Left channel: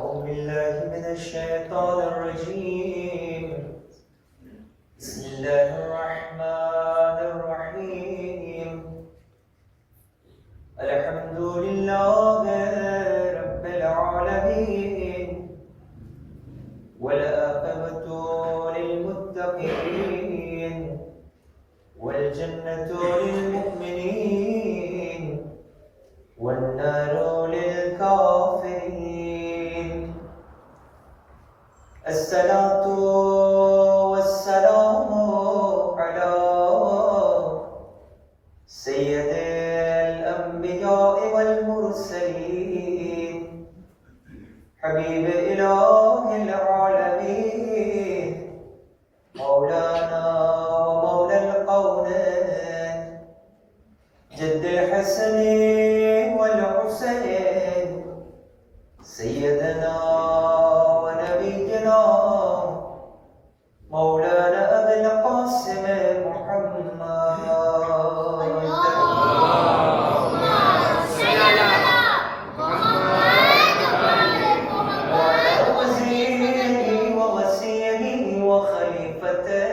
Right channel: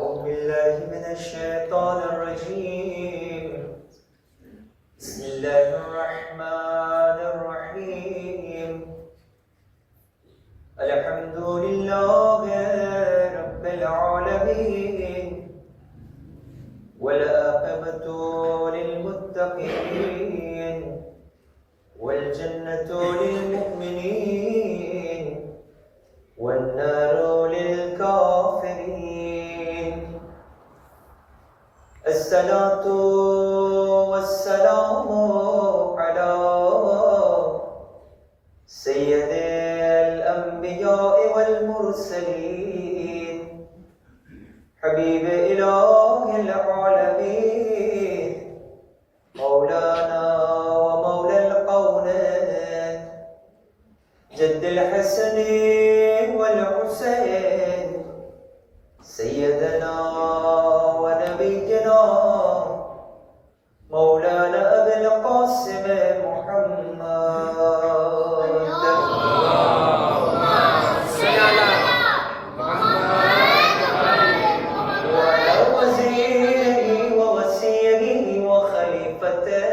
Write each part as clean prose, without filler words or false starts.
أعوذ بالله من الشيطان الرجيم. بسم الله الرحمن الرحيم. الحمد لله رب العالمين والعاقبة للمتقين والجنة للمؤمنين والنار للكافرين. الصلاة والسلام على سيد الأنبياء والمرسلين حبيب إله العالمين مولانا ومولى القونين جد الحسن والحسين سيدنا ونبينا مولانا أبي القاسم محمد وعلى وزيره ووسيله وخليفته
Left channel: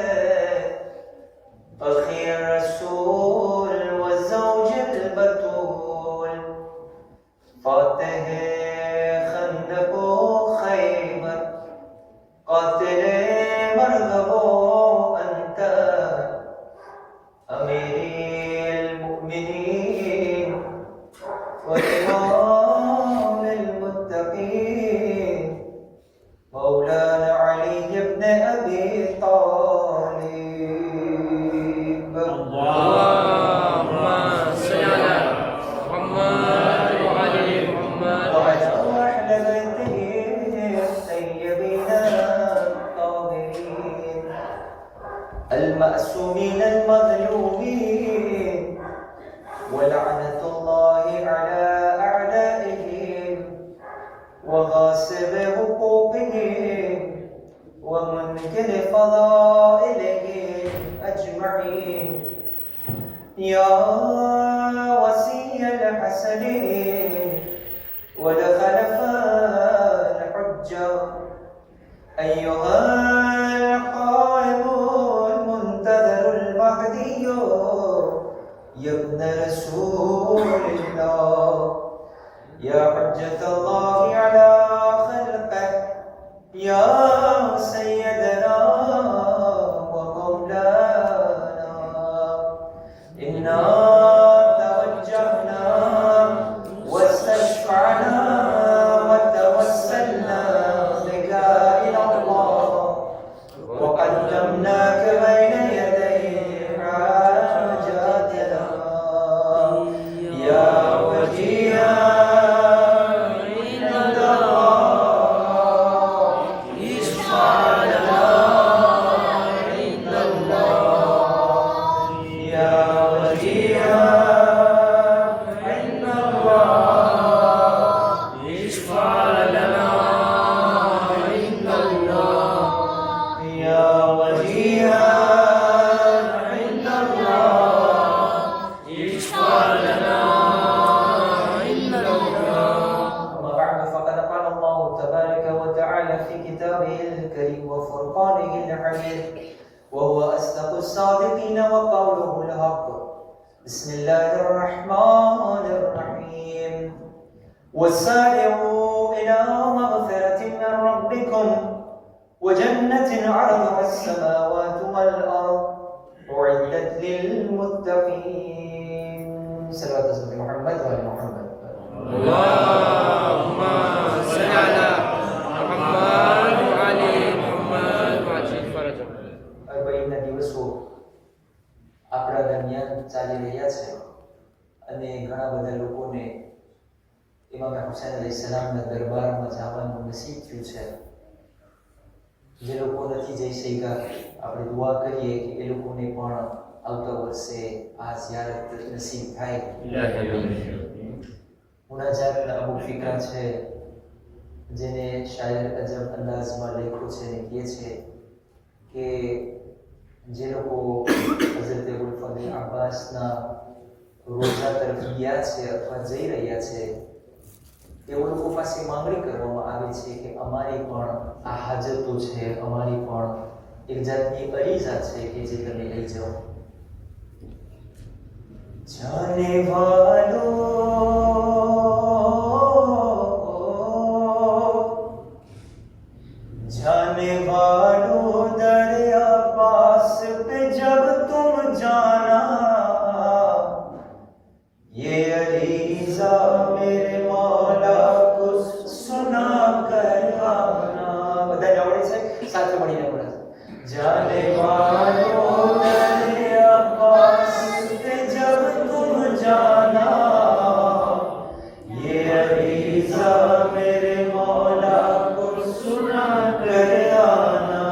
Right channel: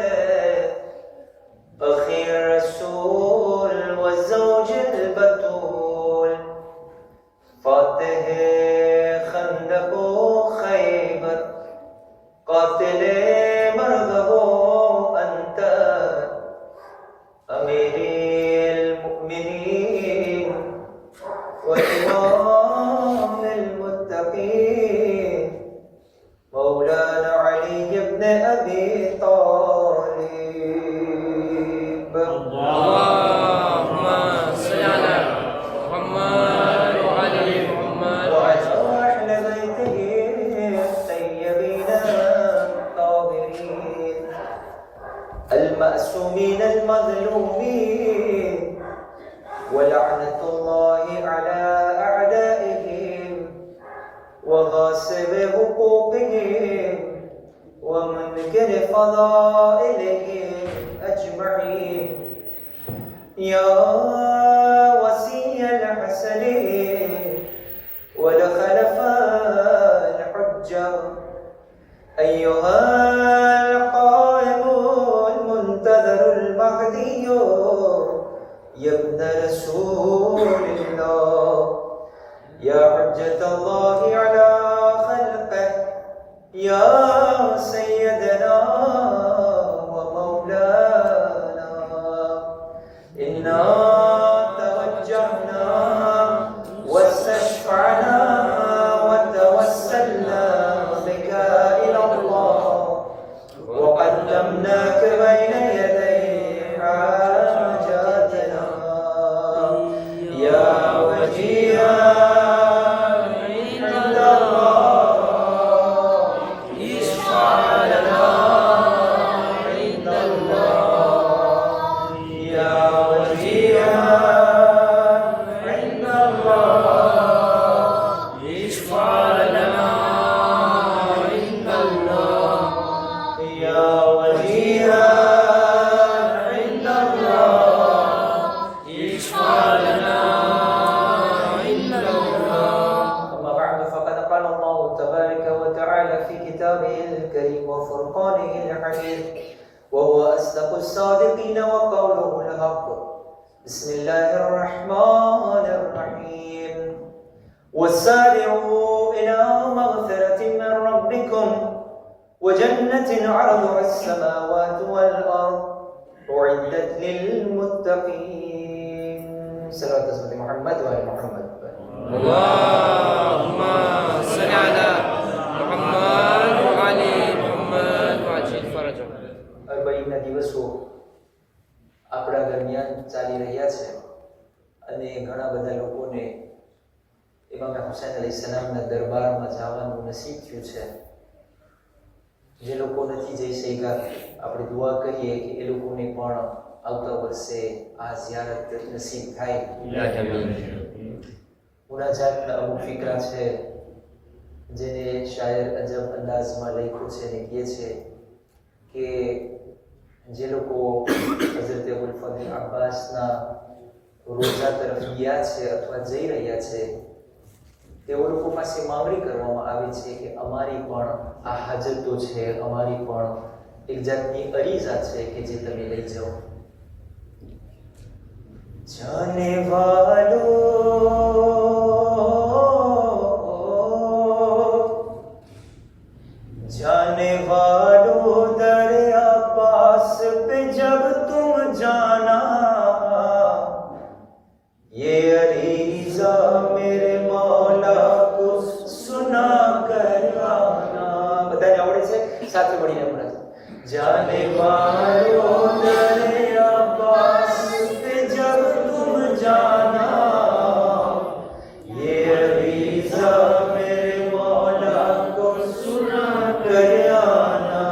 أخي الرسول والزوج البتول فاتح خندق خيبر قاتل مرغب أنت أمير المؤمنين وإمام المتقين مولانا علي بن أبي طالب. اللهم صل على محمد وعلى محمد وعلى أهل بيته الطيبين الطاهرين المأسومين المظلومين ولعنة الله على أعدائهم وغاصب حقوقهم ومنكر فضائلهم أجمعين. يا وسي الحسنين والخلفاء الحجة أيها القائد المنتظر المهدي يا ابن رسول الله يا حجة الله على خلقه يا سيدنا ومولانا إنا توجهنا واستشفعنا وتوسلنا بك إلى الله وقدمناك بين يدي حاجاتنا يا وجيها عند الله اشفع لنا عند الله يا وجيها عند الله اشفع لنا عند الله يا وجيها عند الله اشفع لنا عند الله. أما بعد فقد قال الله تبارك وتعالى في كتابه الكريم وفرقانه الحميد وهو أصدق الصادقين وقوله الحق. بسم الله الرحمن الرحيم. وسارعوا إلى مغفرة من ربكم وجنة عرضها السماوات والأرض أعدت للمتقين. صلوات محمد وعلى محمد. اللهم صل على محمد وعلى محمد وعجل فرجهم. 40 દિવસો આપણા દરમિયાન ચાલી રહ્યા છે અને ઘણા બધા લોકોને ઇમામ હુસૈન અલૈહિસ્સલામના દરબારમાં જવાનું નસીબ થયું છે. જે લોકો નથી જઈ શક્યા આપણે દુઆ કરીએ કે એ લોકોને પણ આવતા વર્ષે આ ઝિયારત નસીબ થાય. મુનાજાત અબુ ફિકરા છે જેને શાયર અજબ અંદાજમાં લખ્યું છે અને કહે છે કે જે લોકો હઝરત અબુલ ફઝલ અબ્બાસના રોજા તરફ ગયા છે અથવા જઈ રહ્યા છે તેઓ લોકો પાસે માંગણી કરવામાં આવે છે કે અમારી પણ આ હાજતો છે, અમારી પણ એક જાતની અરીઝા છે કે જે તમે લઈ જાઓ. જાને વાલો जाने वालों दरिया पास पे जब तुम जाना, ये अरीज़ा मेरे मौला को सुना कर आना. બધાને આવડે છે? સાથે મળીને આપણે जाने वालों दरिया पास पे जब तुम जाना, ये अरीज़ा मेरे मौला को सुना कर आना.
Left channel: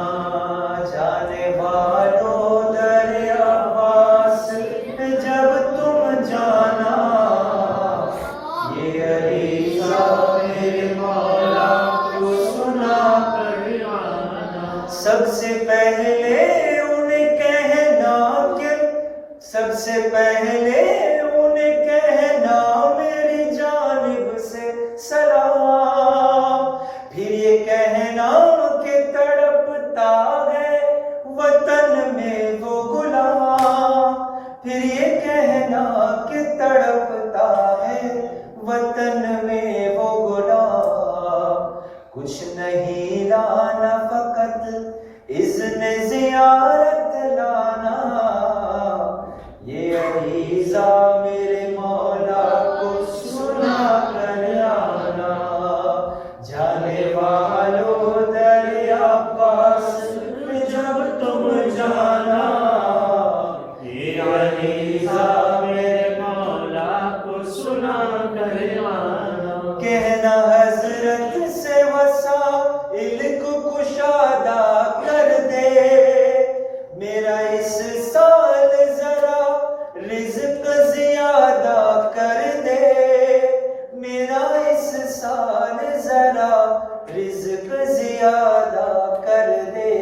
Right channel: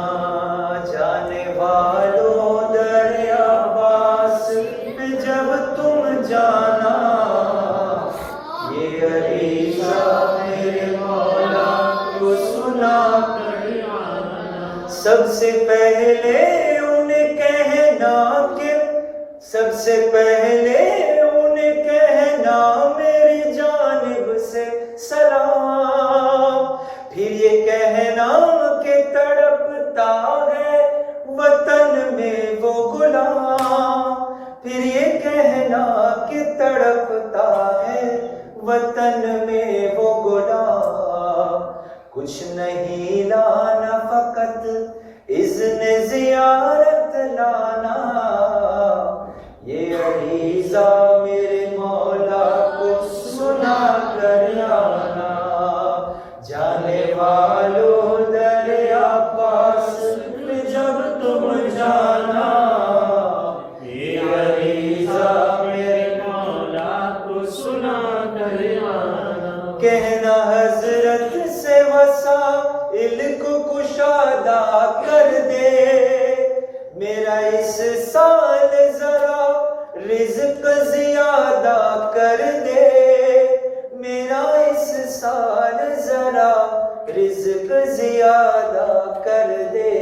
जाने वालों दरिया पास पे जब तुम जाना, ये अरीज़ा मेरे मौला को सुना कर आना. सबसे पहले उन्हें कहना कि सबसे पहले उन्हें कहना मेरी जानिब से सलाम. फिर ये कहना कि तड़पता है वतन में वो गुलाम. फिर ये कहना कि तड़पता है वतन में वो गुलाम. कुछ नहीं लाना फकत इज़्न ज़ियारत लाना, ये अरीज़ा मेरे मौला को सुना कर आना. जाने वालों दरिया पास पे जब तुम जाना, ये अरीज़ा मेरे मौला को सुना कर आना. कहना हज़रत से वसाइल को कुशादा कर दे, मेरा इस साल जरा रिज़्क़ ज़ियादा कर दे. मेरा इस साल जरा रिज़्क़ ज़ियादा कर दे.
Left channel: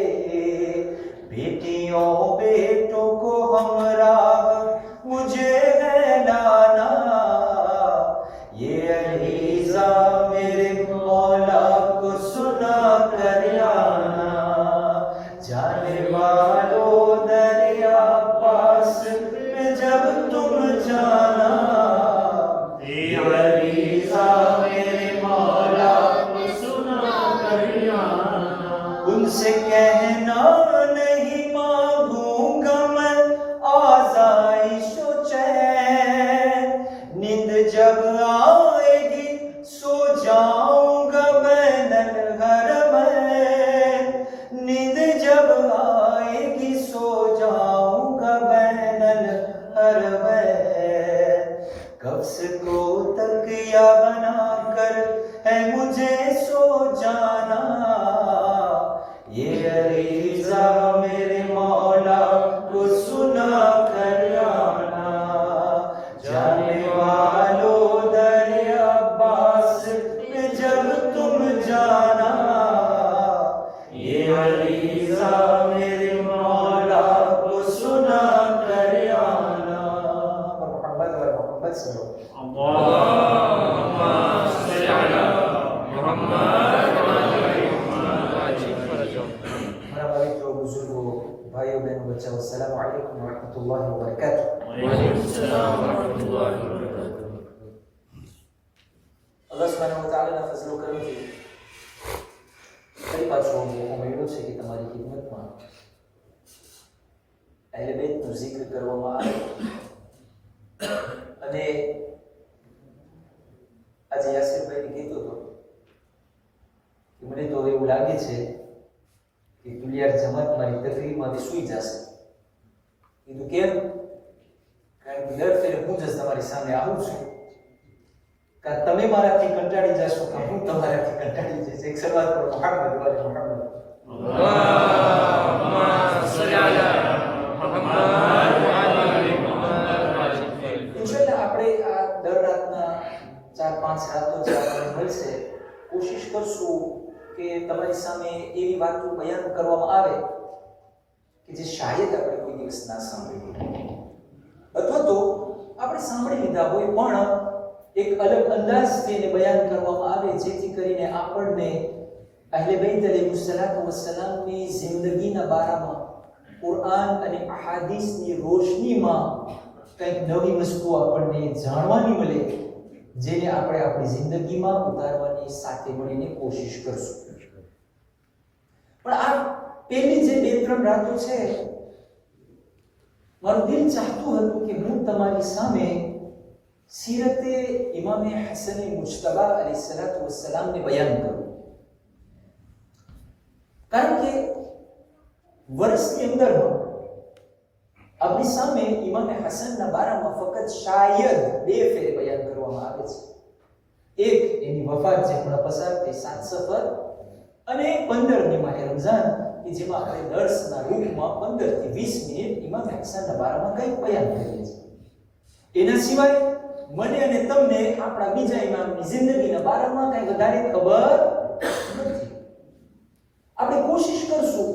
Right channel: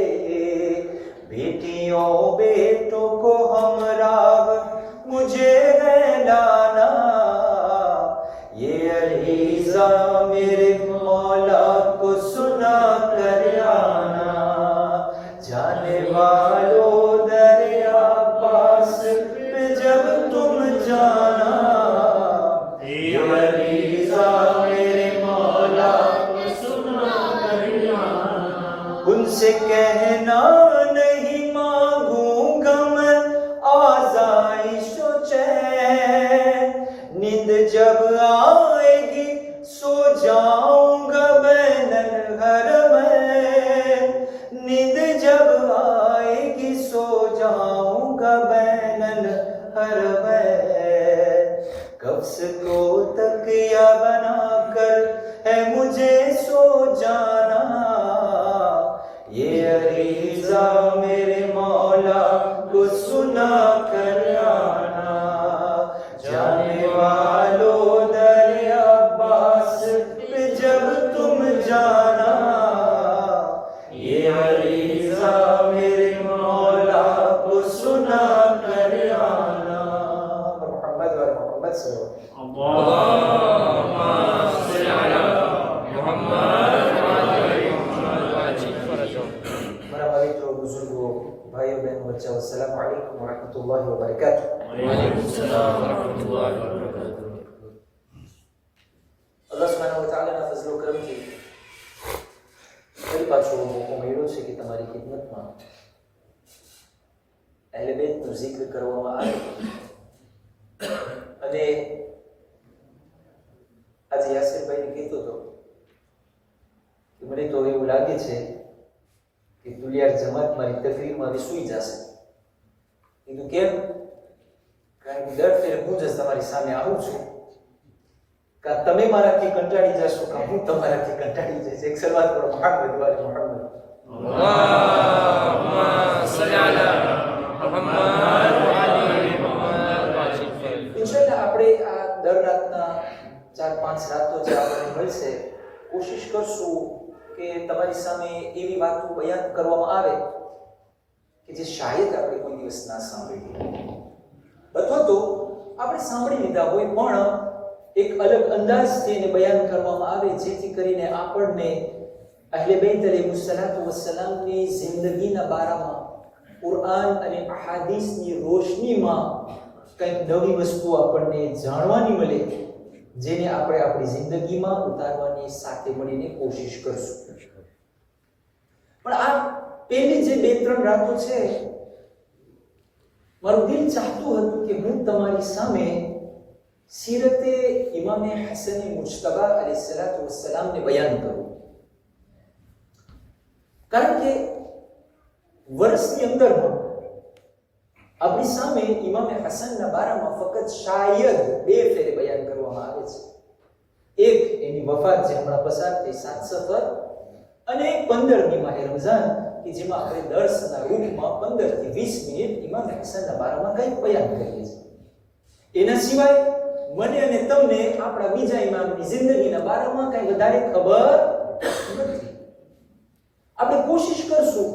बेटियों बेटों को हमराह मुझे है लाना, ये अरीज़ा मेरे मौला को सुना कर आना. जाने वालों दरिया पास पे जब तुम जाना, ये अरीज़ा मेरे मौला को सुना कर आना. उनसे कहना नहीं मांगूंगा मैं आज़ाइश व चैन, नींद जब आएगी सो जाऊंगा बैनल हरमैन. नींद जब आएगी सो जाऊंगा बैनल हरमैन. कब्ज़ को तकिया बनाकर है मुझे सो जाना, ये अरीज़ा मेरे मौला को सुना कर आना. जाने वालों दरिया पास पे जब तुम जाना, ये अरीज़ा मेरे मौला को सुना कर आना. मोहम्मद व मोहम्मद भाइयों बहनों बच्चों अस्सलाम वालेकुम व रहमतुल्लाहि व बरकातुहू. अल्लाह सुब्हानहु व तआलाના ફઝલો કરમથી ફરી પાછો મોકો મળ્યો છે કે તમારી ખિદમતમાં અહેલે બેતનું zikr કરવામાં આવે. અને આજે યાસીરભાઈને કહેતો હતો કે મને તો એવું લાગે છે કે દુલિયાર જમાત મારી તકરીરમાં સૂઈ જશે. કીધું કેમ? કારણ કે દર ફેરે હું જ તમારી સામે આવું છું, કે તમે મારાથી કંટાળી જશો કે હું તમારાથી કંટાળી જઈશ. એક સલવાત કરો મોહમ્મદ વાલે મોહમ્મદ. અલ્લાહુમ્મા સલ્લી અલા મુહમ્મદ વ આલી મુહમ્મદ. ઇન્શાઅલ્લાહ આપણે આ દર રાતના 4-5 રાતો જે આપણને મળશે, કોશિશ કરશું કે તમારી સામે એવી વાતો બયાન કરવામાં આવે કે જે શાયદ આપણે કોઈ દિવસ ના સાંભળી હોય, અથવા તો આપણે સાંભળી લીધા હોય પણ એક અલગ અંદાજથી એને બયાન કરવામાં આવે, જેથી કરીને આપણને અહલે બૈત અલૈહિસ્સલાતુ વસ્સલામની જિંદગીના બારામાં કુરઆન અને અહાદીસની રોશનીમાં કંઈક નવી વસ્તુ આપણને જાણવાની મળે, જેને આપણે આપણી જિંદગીમાં ઉતારવાની સાથે મળીને કોશિશ કરશું. પણ આ પહેલી જે 2-3 રાતો છે, મારું દિલ ચાહતું હતું કે હું તમારી સામે સીરતે ઇમામે હસન મુજતબા અલૈહિસ્સલાતુ વસ્સલામને બયાન કરું. કારણ કે વર્ષની અંદરમાં આપણી સામે ઇમામે હસનના બારામાં ફક્ત શાયદ 2 ફેરે બયાન કરવામાં આવે છે. એક એની વફાત જે હમણાં પસાર થઈ 7 સફર, અને 15મી માહે રમઝાન કે જેમાં આપણે દર્શના રૂપમાં 15 થી 20 મિનિટ ઇમામે હસનના બારામાં કંઈક બયાન કરીએ છીએ. એના સિવાય મને અને તમને આપણા બીજા ઇમામની જિંદગીના બારામાં કંઈ વધારે ખબર નથી. આપણે કોશિશ કરશું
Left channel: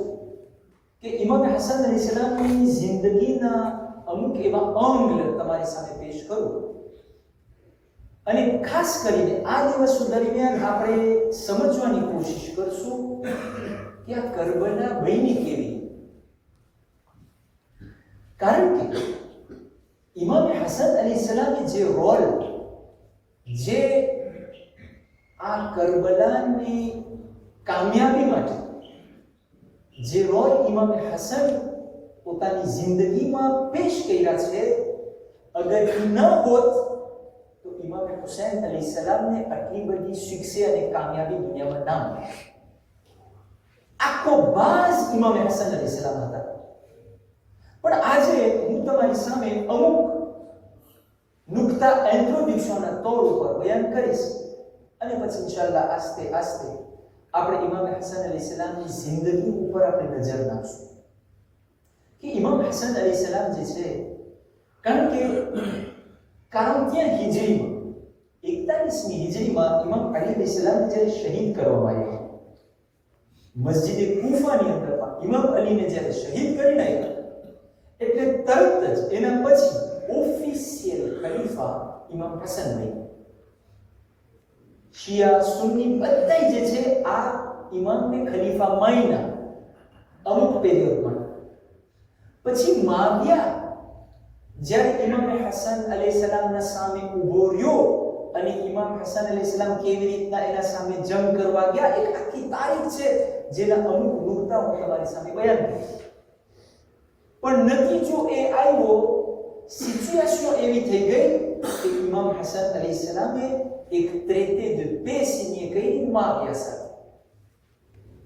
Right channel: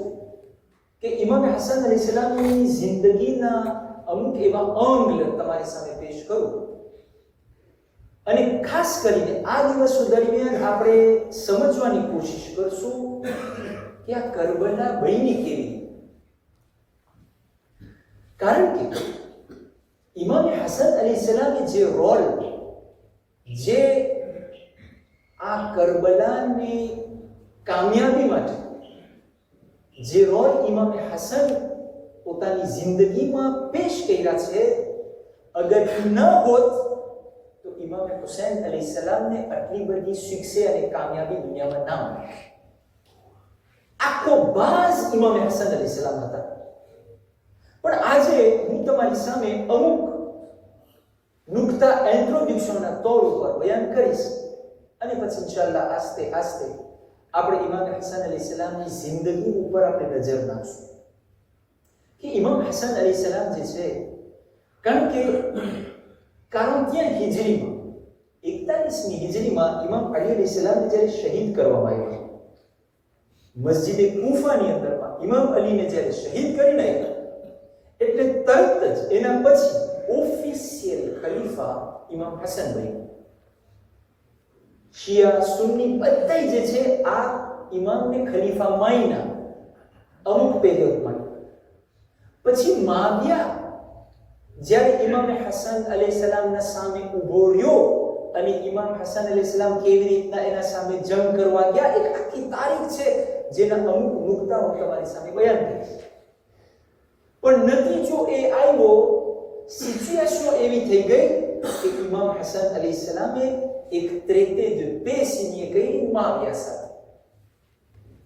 કે ઇમામ હસન અલૈહિસ્સલામની જિંદગીના અમુક એવા અંગ તમારી સામે પેશ કરું, અને ખાસ કરીને આ દિવસો દરમિયાન આપણે સમજવાની કોશિશ કરશું કે આ કરબલા બની કેવી. કારણ કે ઇમામ હસન અલૈહિસ્સલામે જે રોલ, જે આ કરબલાની કામયાબી માટે જે રોલ ઇમામ હસન પોતાની જિંદગીમાં પેશ કર્યા છે, અગર એ ન હોત તો ઇમામ હુસૈન અલૈહિસ્સલામને આટલી બધી શિક્ષા અને કામયાબી દુનિયામાં ના મળે. આખો બાજ ઇમામ હસન અલૈહિસ્સલામ હતા. પણ આજે હું તમારી સામે અમુક નુક્તા ઇન્ટ્રોડક્શનના તોડ ઉપર બયાન કરીશ, અને પછી ઇન્શાઅલ્લાહ આસ્તે આસ્તે આપણે ઇમામ હસન અલૈહિસ્સલામની જિંદગી ઉપર આપણે નજર નાખશું કે ઇમામ હસન અલૈહિસ્સલામ જે છે, કારણ કે 41 હિજરીમાં 41મી હિજરીમાં ઇમામ અલી અલૈહિસ્સલામને જ્યારે શહીદ કરવામાં આવ્યા, મસ્જિદે કૂફાની અંદરમાં ઇમામ અલીને જ્યારે શહીદ કરી નાખ્યા, એટલે તરત જ એના પછી ઓફિશિયલ ખલીફા ઇમામ હસન બન્યા. શિયા સુન્ની બધા જે છે આ ઇમામને ખલીફા માન્યા અમુક પીરિયડ માટે. પછી માવિયા જ્યારે ઇમામ હસન અલૈહિસ્સલામના સામે ઊભો રહ્યો અને ઇમામ હસન અલૈહિસ્સલામ કેવી રીતના એના સામે જંગ કરવા ગયા, એક આખી તારીખ છે જેના અમુક નુક્તા હું તમારી સામે બયાન કરીશ. પણ નતીજો એ આવ્યો, સિચ્યુએશન એવી થઈ ગઈ કે ઇમામ હસન અલૈહિસ્સલામે એક traité de paix signé કરી માવિયા સાથે.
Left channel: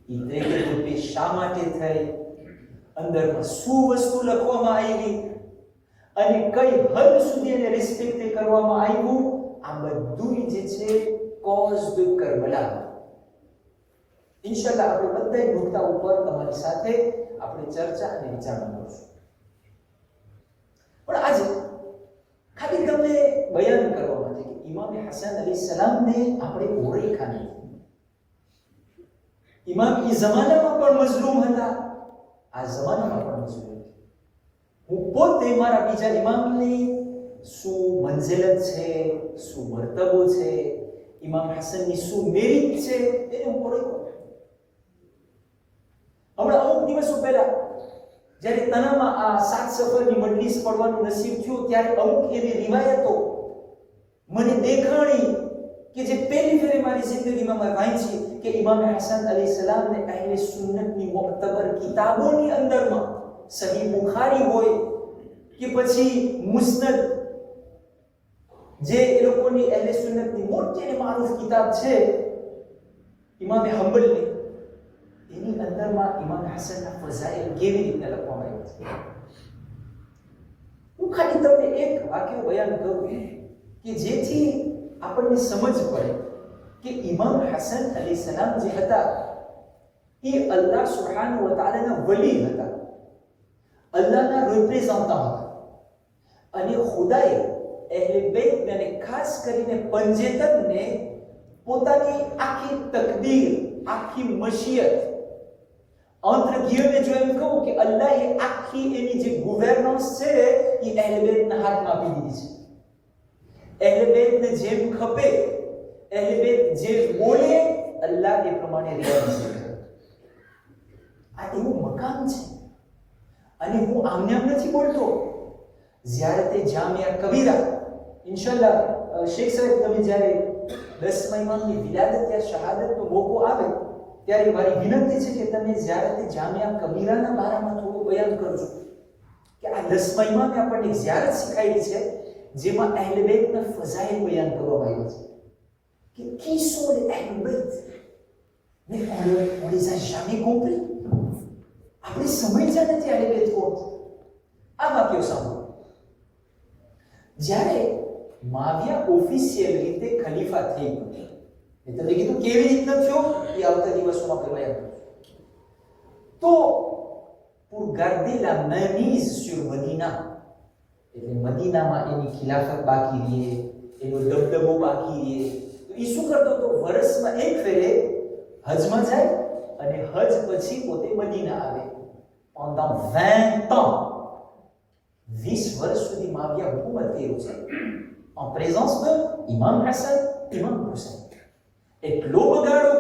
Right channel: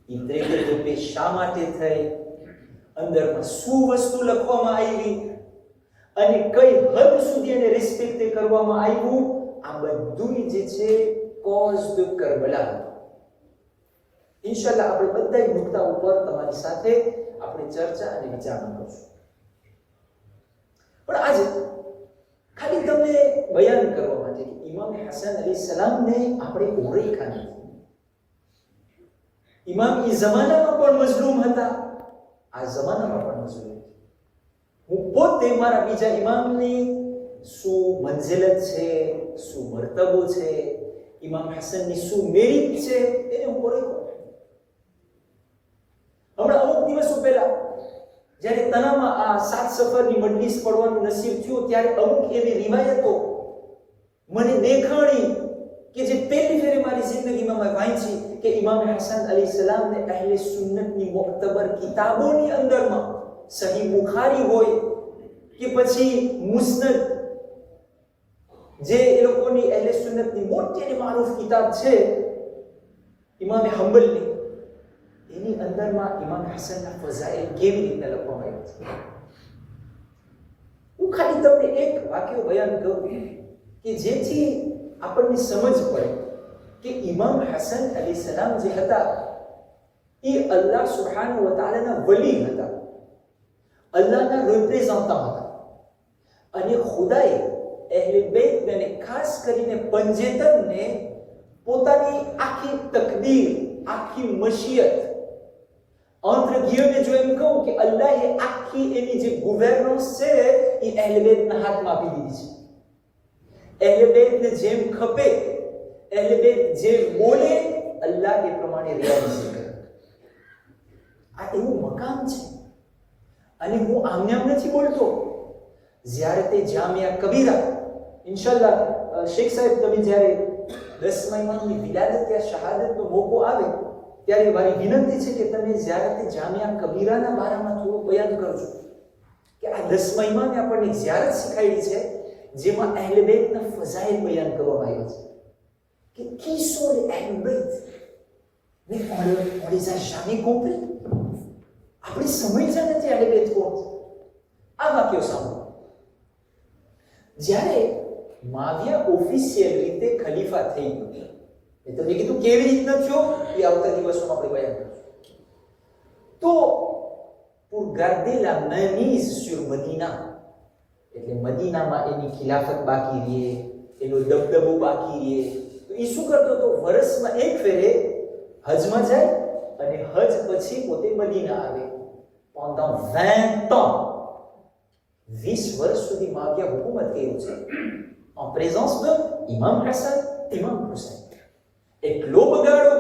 એ traité de paix શા માટે થઈ, અંદરમાં શું વસ્તુ લખવામાં આવી, અને કઈ હદ સુધી એને રિસ્પેક્ટ કરવામાં આવ્યું, આ બધું જે છે કોઝ ધ કરબલા. ઇન્શાઅલ્લાહ આપણે બધા મુદ્દા ઉપર તમારી સાથે આપણે ચર્ચા અને વિચારણા કરશું. પણ આજે ખાલી તમને બયાન કરવા માટે કે ઇમામ હસન અલૈહિસ્સલામને આપણે ઓળખ્યા નથી. ઇમામ એ જમાનામાં પણ મઝલૂમ હતા, આ જમાનામાં પણ મઝલૂમ. હું પોતે મારા બીજા ઇમામની શું મંઝિલત છે, શું મર્તબો છે, ઇમામ હસનની શું મેરિટ છે, એને હું ઓળખ્યો. હમણાં અમુક દિવસો પહેલા જ્યારે તનામાં આ 7 સફરની મજલિસ પડવાનું નસીબ થયું, ત્યારે અમુક એવી રિવાયતો મને દેખાણી કે જે પહેલી ફેરે મારી જિંદગીમાં મેં વાંચી કે ઇમામ હસન અલૈહિસ્સલામને અહેલે સુન્નતની મુઅતબર કિતાબોની અંદરમાં સહી બુખારી હોય કે પછી મુસ્નદ, જે એ લોકોની અહેલે સુન્નતની મોટી અને મારૂફ કિતાબ છે ઇમામ હંબલની, એની અંદરમાં ઇમામ હસનના ફઝાઇલ કેવી રીતે લખવામાં આવ્યા છે. હું ખાલી તમને એક વાક્ય બયાન કરું કે જેથી આપણને સમજ પડે કે ઇમામ હસન અલૈહિસ્સલામ જે હતા એ અલ્લાહ સુબ્હાનહુ વ તઆલાના વલી હતા, અલ્લાહના રિપ્રેઝન્ટન્ટ હતા, અને ખુદાએ અહેલે બેત અને ખાસ કરીને પંજેતરને પોતાની આખી તકદીર, આખી મશિયત, entre guillemets જો એમ કહું કે અલ્લાહે આખી એની જે ગવર્નન્સ છે એ અહેલે બેતના હાથમાં આપી દીધી છે. અહેલે બેતને જેમ ખપે, અહેલે બેત જે બોલે અલ્લાહ એ પ્રમાણે રિયાલિટી કરે. આ એવું મકામ છે. અને હું આમને આમ નથી બોલતો. જ્યારે તે જામિયા કબીરા, ઇન્શાલ્લાહ શેખ સાહેબ તમે જ્યારે 10મા ઇમામની વિલાદત યા શહાદતનો મોકો આવે ત્યારે મારી વિનંતી છે કે તમે જ્યારે તે જામિયા કબીરાના બારામાં થોડું બયાન કરજો કે આ 10મા ઇમામે આપણને ઝિયારત શીખાડી છે જેમાં અહેલે બેતના ફઝાઇલ બયાન કરવામાં આવ્યા છે que qui sont les Ahlul Bayt? Mais on les a jamais compris. આપણે સમજ્યા નથી અહેલે બેત કોણ. આ વાક્યો સાંભળો. જ્યારે માવિયા ઓફિશિયલ રીતે ખલીફા થઈ ગયો, મેં તમને કીધું કેવી રીતના થયો એ આવતા દિવસોમાં આપણે બયાન કરીશું. તો pour garder la mainmise sur Medina, એટલે મદીનામાં એની ખિલાફત બાકી રહે, એનો દબદબો બાકી રહે, તો એ શું કરતો હતો? વર્ષમાં એક ફેરે હજમાં જાય અને હજ પછી પોતે મદીના આવે. pendant 20 ans 20 વર્ષ સુધી માવિયા હુકુમત કર્યું છે en présence de ઇમામ હસન, ઇમામ હુસૈન. એટલો બગાડો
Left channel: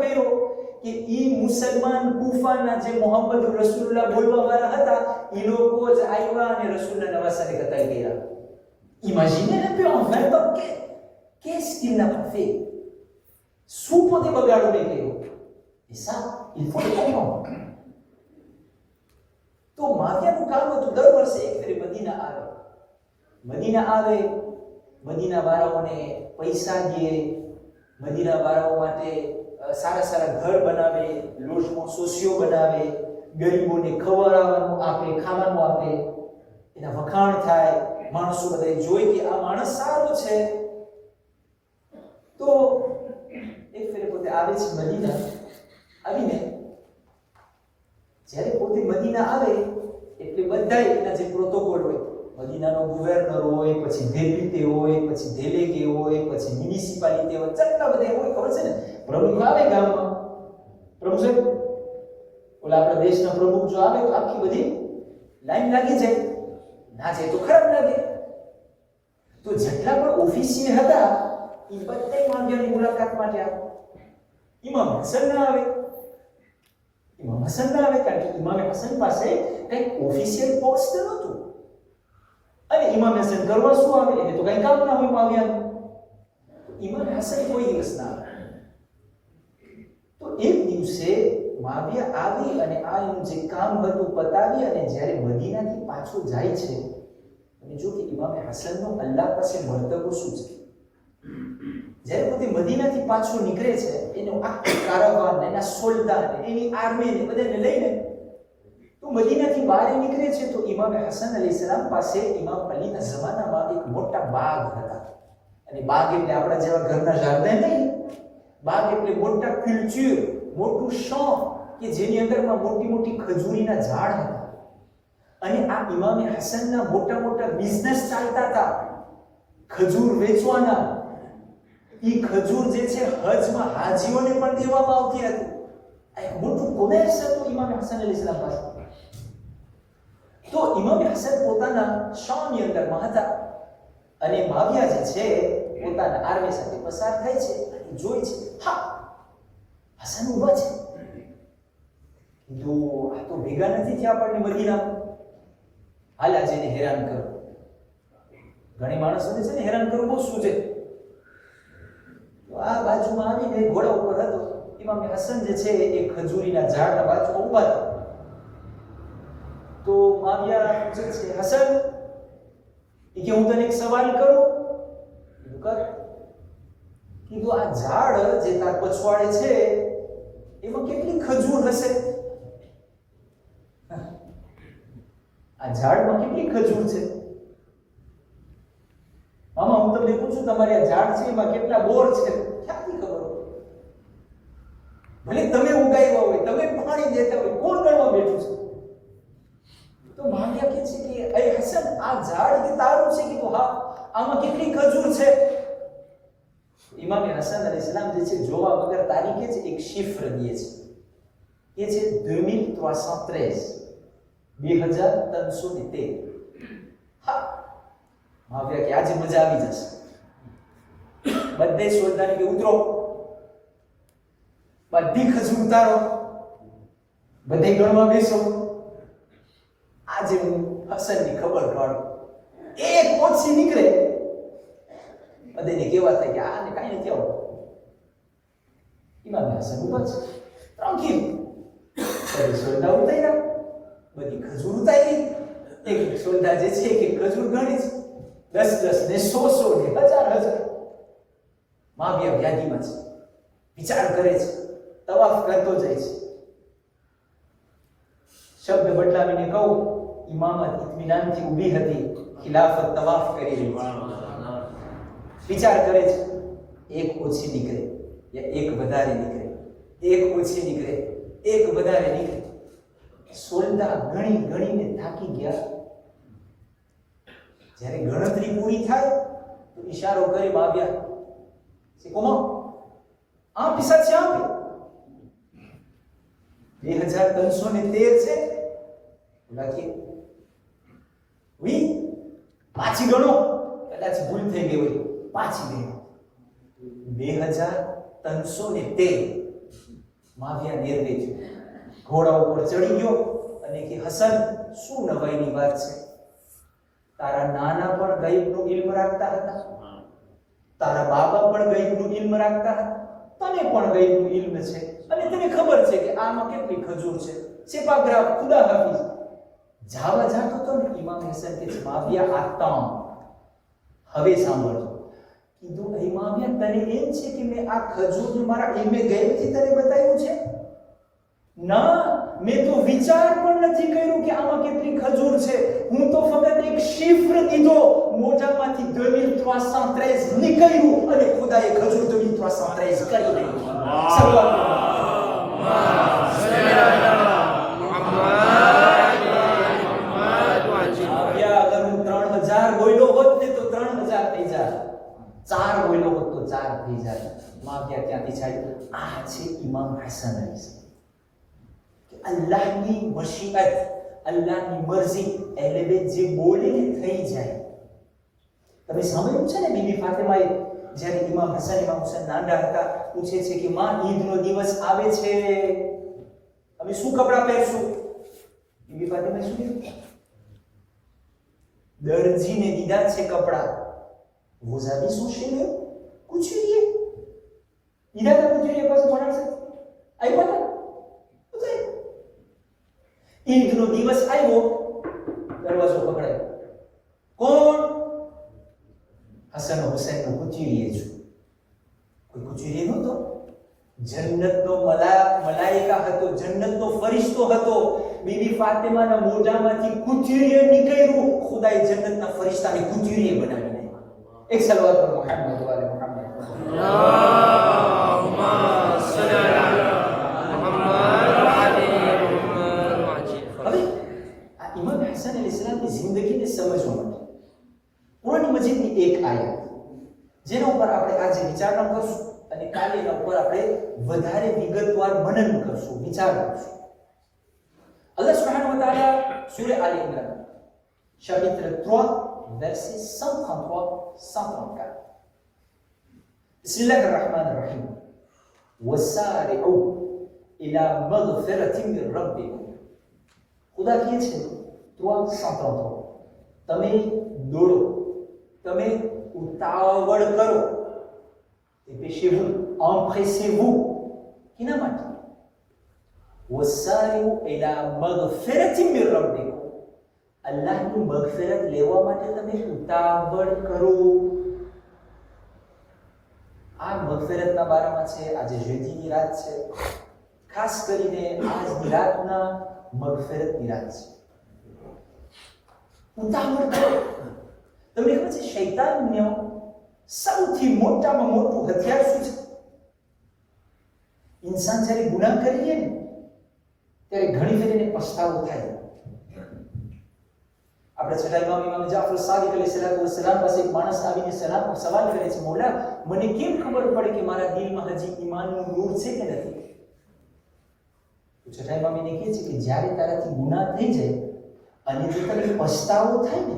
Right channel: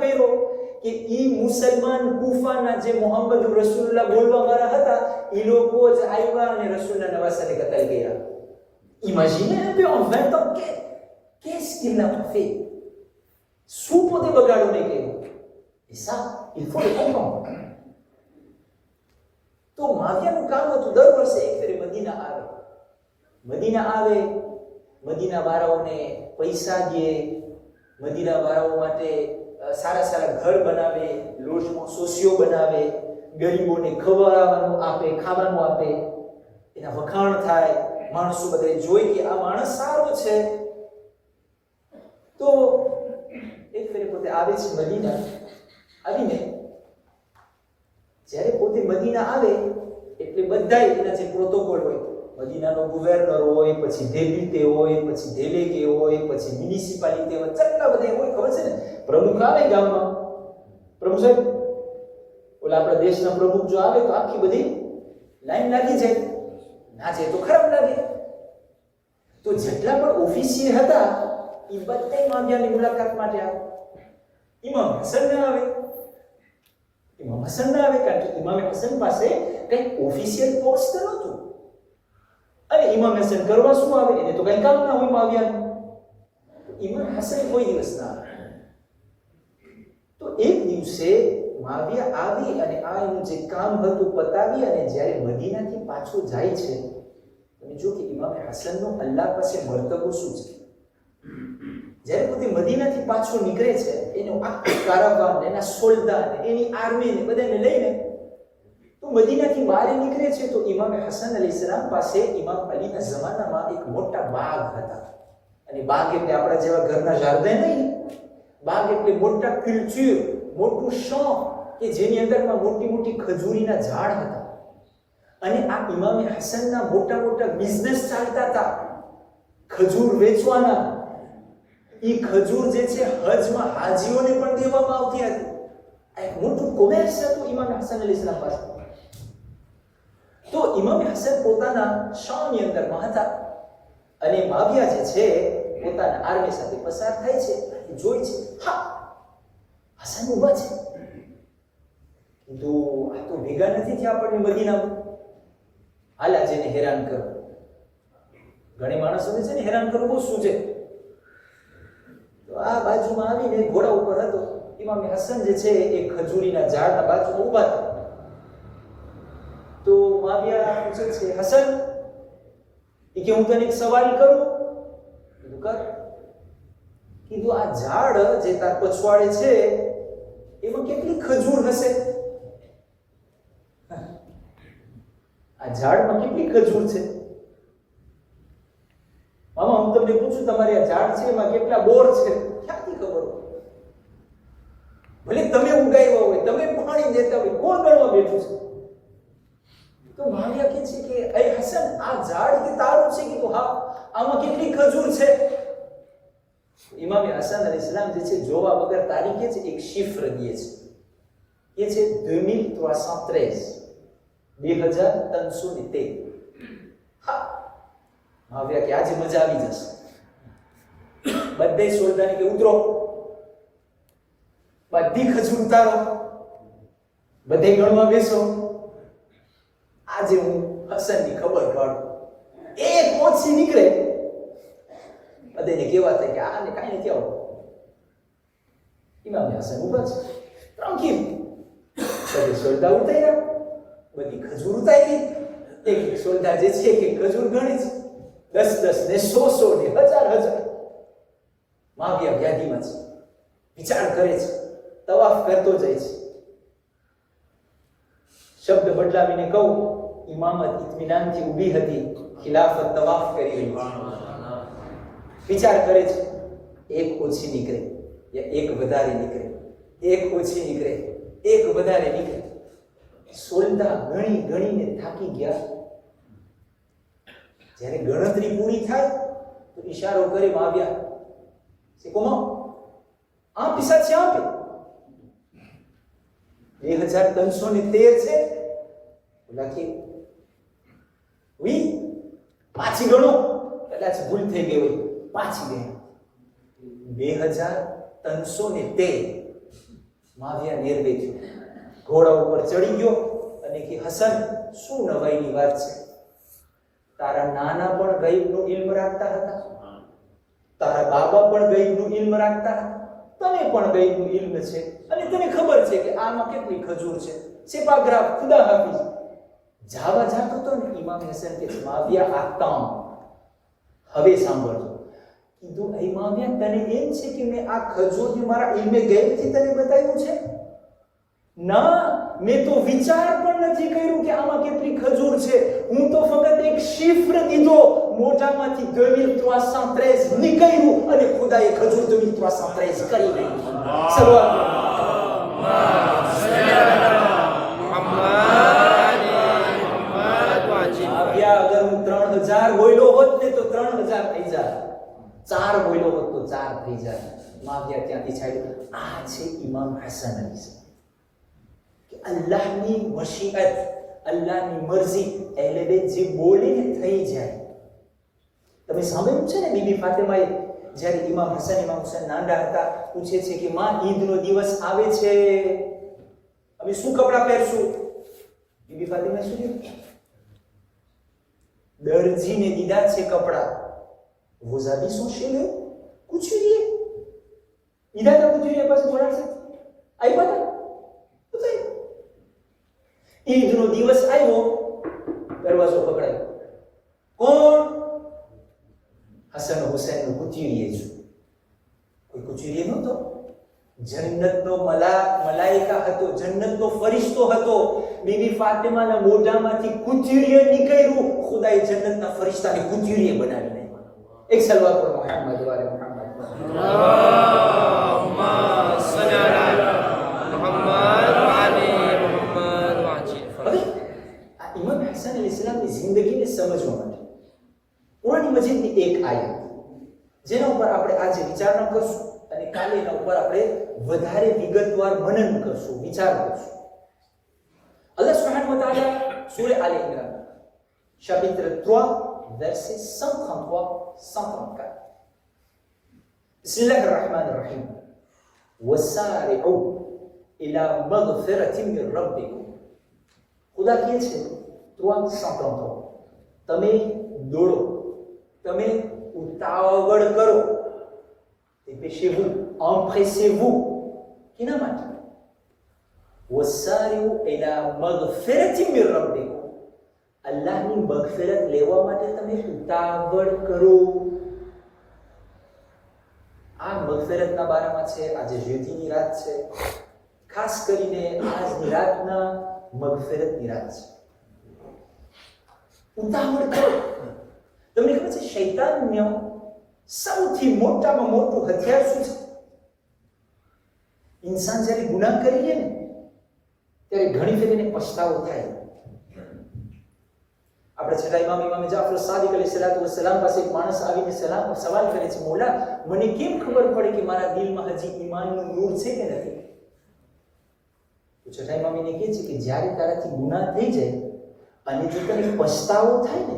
કર્યો કે ઈ મુસલમાન કૂફાના જે મોહમ્મદ રસૂલુલ્લાહ બોલવા વાળા હતા ઈ લોકો જ આવ્યા અને રસૂલના નવાસાને કતલ કર્યા. Imaginez un peu en 20 ans qu'est-ce qu'il n'a pas fait. શું પોતે બગાડો નહીં કર્યો. Et ça il faut le comprendre. તો માવિયાનું કામ હતું દર વર્ષે એક ફેરે મદીના આવે, મદીના વાળાઓને પૈસા દે, મદીના વાળાઓ માટે સારા સારા ઘર બનાવે, લોજમાં સોસિયો બનાવે, ગરીબોને ખવડાવવાનું આપે, ખાવાનું આપે, એના વખાણ થાય, માણસો બધા જોઈ કે આ માણસ સારો છે. તો એક ફેરે પોતે આવે છે મદીના. આવીને જ્યારે પોતે મદીના આવે એટલે બધા એના જે પ્રોટોકોલ હોય, મદીનાનો ગુવર્નર હોય, પછી ડેપ્યુટી હોય, પછી ડેલેગે હોય, પછી મ્યુનિસિપાલિટી હોય, કેટલા બધા હોય ખબર છે ને. પ્રમુખ આવે ગામમાં, પ્રમુખ સાહેબ ઓલા આપણા દેશના પ્રમુખ જો આવે તો આખી બધી લાઈન લાગી જાય, ના જાય તો ખરાબ લાગે. તો જેટલા પણ ઓફિસિયલ હતા એ બધા માવિયાની મુલાકાત માટે આવે. ઇમામ હસન ના આવે, કારણ કે ઇમામ હસન પાસે કંઈ ઓફિશિયલ પોસ્ટ નહોતું. અને ઇમામ હસન કરવા શું આવે? એને તો કંઈ કામ ના હોય માવિયાનું. ઇમામ હસન કોઈ દિવસ ના આવે. તો એક દિવસે માવિયા આવી અને આ એનું જે કામ હતું પતાવી અને જ્યારે મદીનાથી પાછો જાય છે, તમે જો કે ઇમામ હસનનો અલ્લાહ પાસે મર્તબો શું છે. જ્યારે પોતે મદીનાથી પાછો નીકળે છે, એનો આખો કારવાન, એના સોલ્દાન, એની આર્મીને બધાને લઈને તો મદીનાથી બહાર નીકળે છે, તો ઇમામ હસન અલૈહિસ્સલામ પાસે ઇમામ અલીના જમાનામાં એક મોટા બાગ હતા. અને બાગ એટલે આપણા જેવા ઘરના ગાર્ડન નહીં, બાગ એટલે મોટા કલ્ચર, મોટું શોખ કે જેની અંદરમાં મોટી મોટી ખજૂરીના ઝાડ હતા. અને આ ઇમામ હસનના મોટા મોટા બિઝનેસ ચાલતા હતા, ખજૂર વેચવાના. ઈ ખજૂર જે છે હજમાં હાજીઓને પણ દેવામાં આવતી હતી. એક મોટું કોમર્સ હતું ઇમામ હસન અલૈહિસ્સલામ પાસે. તો ઇમામ હસન પોતાના શામની અંદરમાં હતા અને માવિયા જે છે પોતાના આર્મી સાથે પસાર થાય છે, જોઈ છે, હા હસન ઊભા છે. કીધું આ તો ભેગા નથી થયા આપણને મદીનામાં, હાલ આજે એને હેરાન કરો. ઘણી માણસોને છે ને હેરાન કરવું બહુ શું છે. તો આ બાજુમાં આવીને ઘોડા ઉપર હતો ઇમામ હસન જે છે એ ખજૂરીના ઝાડના બાજુમાં ઊભા હતા. તો માવિયા પૂછે છે, હસન કે હું તને એક સવાલ કરું? કર. કીધું આ ઝાડ જે તાર પછવાડે છે એમાં કેટલી ખજૂર હશે? આ ઝાડમાં કેટલી ખજૂર છે? મામા હું તમને પૂછું, તમારી આ ઝાડ છે એમાં કેટલા બોર છે? ક્યાંથી ખબર? ભલે તમે ઉગાવ્યા હોય, તમે પાણી દેતા હોય, કોણ ગણવા બેઠું છે? તો માવિયા કહે છે કે એ હસન આ ઝાડ કે તારું છે? કીધું હા. આમાં કેટલી ખજૂર છે? ઇમામ હસન અલૈહિસ્સલામ જે છે જોવા વગર તારીખે જ એક શિફ્ર દે છે, એ છે 2313, 2313. હા, માવ્યા કે આજે મજા આવી જશે. બધે સોલ્દાને કે ઉતરો, બધી ખજૂર ઉતારો, બધે ગણવા બેસો. આજે હું હસનની ખબર કાઢું. એક ઓછી નીકળે બધાને કેવા થાય કે આને કાંઈ નથી આવું. ઇમામ હસન ઉભા છે, ત્રણ બધી સોલ્ડા ઉતાર્યા, બધી ખજૂર ઉતારી. એક સોલ્ડા જે છે કે ખજૂર ગણી છે, 10 ને 100 ને 1000. માવ્યા વ્યાધિમાં છે, વિચાર કરે છે, તવાફ કરતો જાય છે. શબ્દ બદલાવીને કહું, ઇમામત ઇત્મીનાનથી ઊભી હતી, ખિલાફત તવાફ કરી રહી છે. વિચાર કરે છે, એક ઓછી નીકળે યા એક વધારે નીકળે, એક ઓછી નીકળે એક વધારે નીકળે. સોલ્ડા ગણીને થાકી ગયા. જ્યારે ગણતરી પૂરી થાય તો ઈશારો કરે માવ્યા છે, કોમા આ પિસા છે આપે 2313 છે. લખી વી પાછી ગણો, કદાચ ભૂલ થઈ ગઈ હોય, પાછી ગણો 2313. માવ્યા નિર્ભય થયો, ઘોડા ઉપર ચડી ગયો અને કે હસન, શું નવાઈની વાત છે? તારા નાના પણ ગઈબનું ઇલ્મ રાખતા હતા, તારા બાબા પણ ગઈબનું ઇલ્મ રાખતા હતા, તને પણ ગઈબનું ઇલ્મ છે અને તને ખબર છે કે આમાં કેટલી ખજૂર છે. સેપાગ્રાફ ખુદા હાફિઝ જાવા જાતો તો ને. ઇમામ હસન કે માવ્યા આતા હવે સાંભળજો. કીધું ઇમામિયા, તને એમ છે કે મેં આ ખજૂરને મારા ઇલ્મે ગેરથી તને બતાવ્યું છે? ના, મેં તો વિચાર પણ નથી કર્યું કે આમાં કેટલી ખજૂર છે. હું તો ફક્ત એક શિફ્ર કીધો, મોઢામાંથી 2313 નીકળ્યું અને ખુદાએ ખજૂર 2313 કરી નાખી. અગર હું 3000 બોલ્યો હોત ને તો 3000 થઈ જાય, 4 બોલ્યો હોત તો 4 થઈ જાય. માવ્યા ત્યાંથી છાડ્યું. આ છે ઇમામ હસન અલી કે અલ્લાહની મશીઅત, અલ્લાહની મરજી, એટલે બે જે બોલે ને થઈ જાય. તમે સાંભળ્યું છે ને, બીબી ફાતિમાએ જ્યારે ઇમામ હસન ઇમામ હુસૈન નાના હતા, પૂછે છે કે માં, ઈદનો દિવસ આવે છે, અમે શું કપડાં પહેરશું? બીબી ફાતિમાએ શું કીધું? દરજીને દીધા છે કપડાં. vous habillez son chez le couturier. દીધા હતા couturier પાસે થોડા છે, આપ્યા હતા. ઈદનો દિવસ આવ્યો, દરવાજો પકડાયો. કોણ? હસન હુસૈનનો કુચીરીએ છે. કોઈ કુચીરીએ નહોતો, જન્નતનો મલાઈકા હતો, જન્નતનો ફરિશ્તો હતો. બીબી ફાતિમાના મોઢામાંથી કુચીરીએ નીકળ્યું, ખુદાએ જન્નતના ફરિશ્તાને કુચીરીએ બનાવી નાખ્યો. એક સલવાત પર મુહમ્મદ વાલે મુહમ્મદ. અલ્લાહુમ્મા સલ્લી અલા હસન અલી સલામની જિંદગીને સમજવા માટે કુરાન મજીદની એક આયત, જેના ઉપર આપણે આજે વિચારણા કરશું અને કાલે એના ઉપર આપણે વધારે વિગતવાર મનન કરશું, વિચાર કરશું. અલ્લાહ સુબ્હાનહુ વ તઆલા સૂરે આલ Imran chapitre 3 verset 133-134. Bismillahir Rahmanir Rahim. Wasari'u ila maghfiratin min rabbikum. ખુદા કહે છે 333, તમે દોડો, તમે ઉતાવળ કરો. dépêchez-vous, empressez-vous. કેના માટે? wasari'u ila maghfiratin min rabbikum. અલ્લાહની મગફિરત લેવા માટે તમે ઉતાવળ કરો. આ મગફિરતના બારામાં છે. આજે જેઠીની રાત છે, ખાસ કરીને આજની રાતના મગફિરતની રાત છે. ઉતાવળ કરો. તમને ખબર છે શૈતાનનો સૌથી મોટામાં મોટું હથિયાર શું છે? ઇન્સાન જ્યારે ગુનાહ કરી લે ને ત્યારે ઘણી ફેર એને પછતાવો થાય. આપણે છઠ્ઠા ઇમામ જાફર સાદિક અલૈહિસ્સલાતુ વસ્સલામ પાસે એક માણસ આવીને સવાલ કરે છે, મૌલા, મને કેમ ખબર પડે કે મારા દિલમાં હજી ઈમાનનું નૂર છે કે નથી? તો છઠ્ઠા ઇમામ કહે છે કે જ્યારે તારાથી ગુનાહ થઈ જાય અને જો તને પછતાવો થાય ને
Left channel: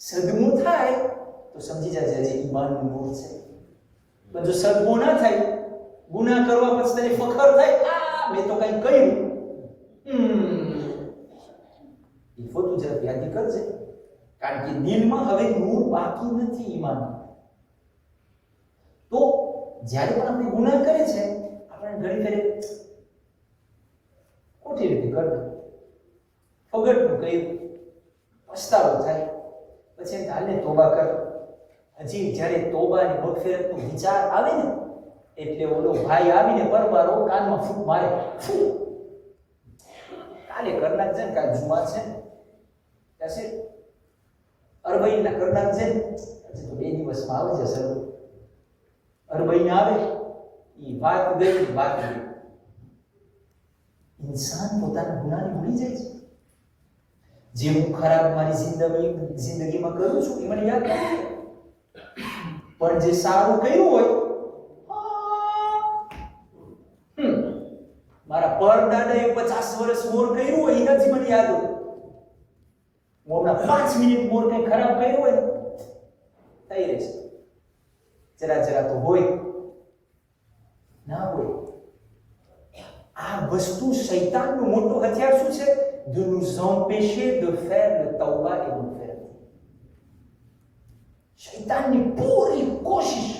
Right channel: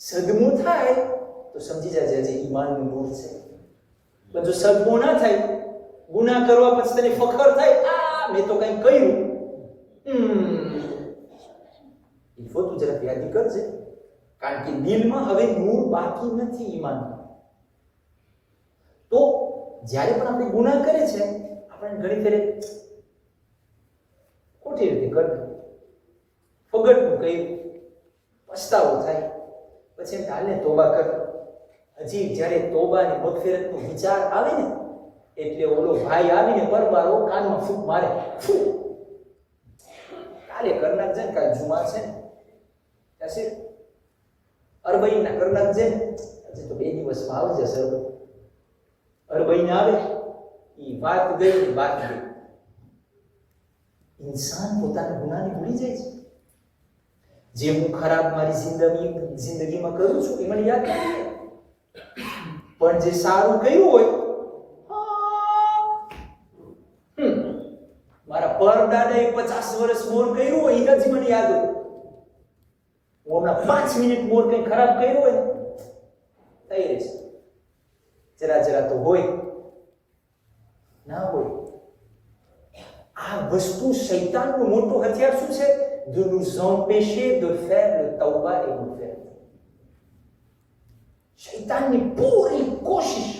સદમો થાય તો સમજી જાય જે ઈમાનનું નૂર છે. પણ જો સદમો ના થાય, ગુનાહ કરવા પછી તને ફખર થાય, આ મેં તો કંઈ કર્યું, એ ફોટું જરા યાદ કરજે, કારણ કે દિલમાં હવે નૂર બાકી નથી ઈમાન. તો જ્યારે પણ આપણે ગુનાહ કરે છે, આપણે ઘણી ફેરે ખોટી રીતે કરતા ફગટનું કહ્યું, પસ્તાવો થાય, પછી એમ હાલને તોબા કર. હજી જ્યારે તોબા અને મગફિરતનો વિચાર આવે ને, એટલે ઓલો ભાઈ આવીને પરબારો કાનમાં ફૂંક મારે, ફૂ કાલે કરી નાખજે ને, કાલે જુમા છે ને, યાસીર અરબઈના કરી નાખજે ને, હજી તો 2 દિવસમાં આવી જશે. અરબઈને આવે એ વાત ગઈ, વાત ગઈ. ઇન્સાન પોતાના ગુનાને ભૂલી જાય છે. જે હું ખરાબ મારી જિંદગીમાં કરું છું એ મને યાદ નથી, પણ જે સારું કર્યું હોય, મારા પરદાદાએ 50 વર્ષ મોર કર્યું હોય એ નથી મને યાદ હોય. હું હમણાં 5 મિનિટ મોર કંઈ ખરાબ કર્યું હોય થઈ રહેશે. જરા જરા તો હોય ના હોય. આ વસ્તુ શૈતાનનું મોટું હથિયાર શું છે? De nous empêcher de faire le tawbah et le faire. શૈતાનની પૂરી કોશિશ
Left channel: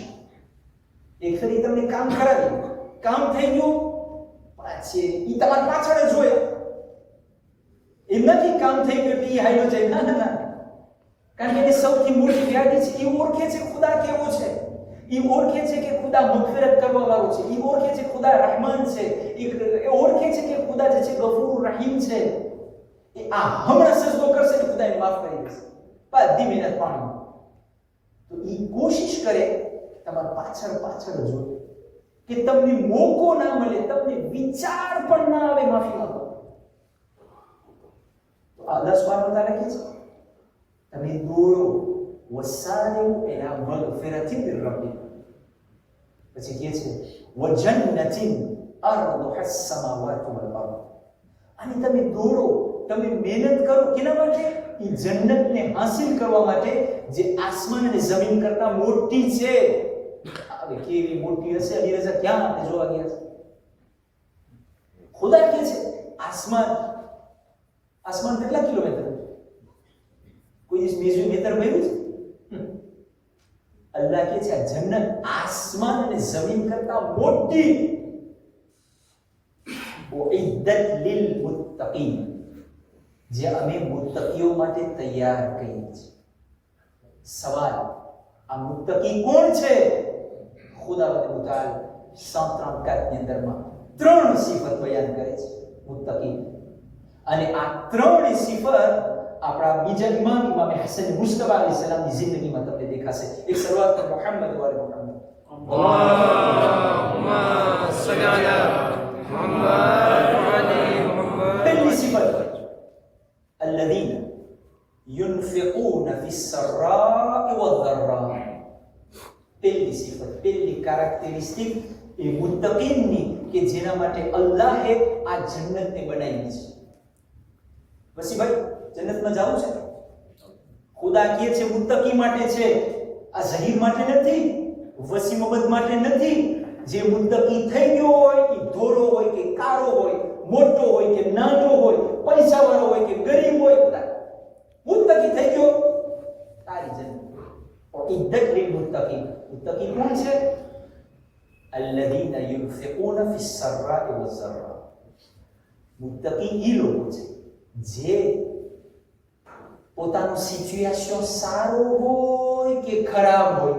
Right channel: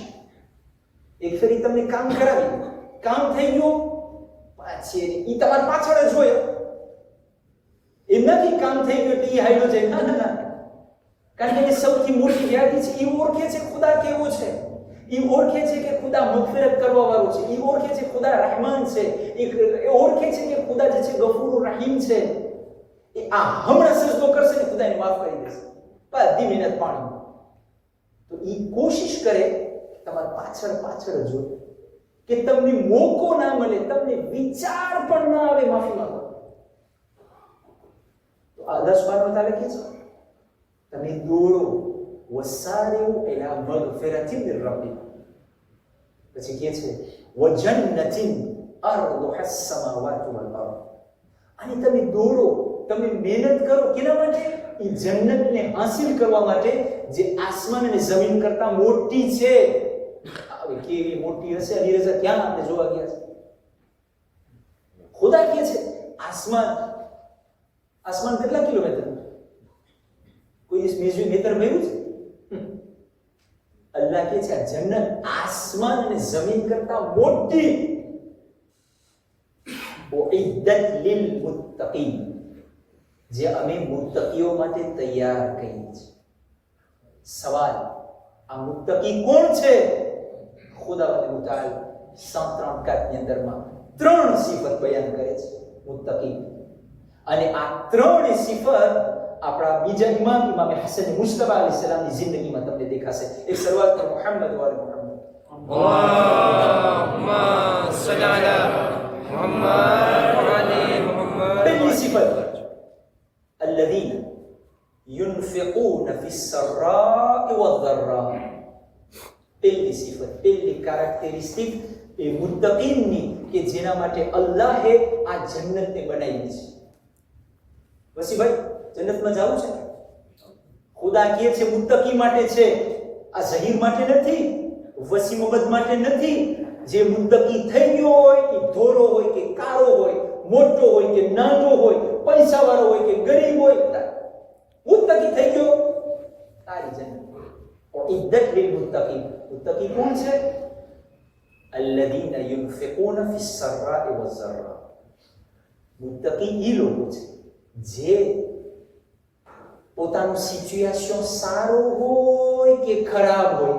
એક ફેરી તમને કામ કરાવી, કામ થઈ ગયું, પાછી ઈ તમારી પાછળ જ હોય. એમ નથી કામ થઈ ગયું એટલે ઈ હાલ્યો જાય, ના ના ના. કારણ કે એની સૌથી મોટી વ્યાધિ છે, ઈ ઓળખે છે ખુદા કેવો છે, ઈ ઓળખે છે કે ખુદા મગફિરત કરવા વાળો છે, ઈ ઓળખે છે ખુદા રહેમાન છે, ઈ ઓળખે છે કે ખુદા જે છે ગફૂર રહીમ છે. એ આ હમણાં સજદો કરશે ને ખુદા એને માફ કરી દેશે, બધી મહેનત પાણી. તો ઈ કોશિશ કરે તમારી પાછળ પાછળ જ હોય કે તમને મોકો ના મળે, તમને વિચાર પણ ના આવે માફી માંગો. તો અલ્લાહ સુબ્હાનહુ વ તઆલા કહે છે તમે દોડો, વસારિઉ ઇલા મગફિરતિન મિન રબ્બિકુમ. પછી કહે છે વજન્નતિન અરદુહા અસ-સમાવાતુ વલ અર્દ. અને તમે દોડો, તમે મહેનત કરો કેના માટે? એ જન્નતને હાસિલ કરવા માટે જે આસમાન અને જમીન કરતા મોટી છે. હવે કેવી મોટી હશે અલીરઝા, ક્યાં આપણે જોવા ગયા છે? ખુદા કહે છે આસમાન કેટલા કિલોમીટર? કોઈ દિવસ મેટર ભર્યું છે? અલ્લાહ કહે છે આ જન્નત આસમાન અને જમીન કરતા મોટી. ઉઇદ્દત લિલ મુત્તકીન, જે અમે મુત્તકીઓ માટે તૈયાર કરી છે. સવાલ, આ મુત્તકી કોણ છે? ખુદાવંદ મુતાલ 134 ની અંદરમાં 3 સિફત બયાન કરે છે મુત્તકી. અને આ 3 સિફત આપણા બીજા ઇમામ હસન મુસ્તફા અલૈહિસ સલામની જિંદગીમાં તમને દેખાશે. એક શરૂઆત પર મુહમ્મદ વાલે મુહમ્મદ, અલ્લાહુમ્મા સલ્લી અલા મુહમ્મદ વ અલી મુહમ્મદ. પહેલી સિફત الذين ينفقون في السراء والضراء. પહેલી સિફત, પહેલી કેરેક્ટરિસ્ટિક એ મુત્તકીનની કે જેના માટે અલ્લાહે આ જન્નતને બનાવી છે. વસીભાઈ, જન્નતમાં જવું છે? ખુદા કહે છે મુત્તકી માટે છે, આ ઝહીર માટે નથી, વસીમ અહમદ માટે નથી. જે મુત્તકી થઈ ગયો હોય, એ ધોરો હોય કે કાળો હોય, મોટો હોય કે નાનો હોય, પૈસા વાળો હોય કે ગરીબ હોય, મુત્તકી થઈ ગયો, તારી જન્નત. ઉઇદ્દત લિલ મુત્તકીન. મુત્તકી કોણ છે? અલ્લઝીના યુનફિકૂના ફિસ સર્રા'i વઝ ઝર્રા. મુત્તકી ઈ લોકો છે જે પોતાનું સિચ્યુએશન સારું હોય કે ખરાબ હોય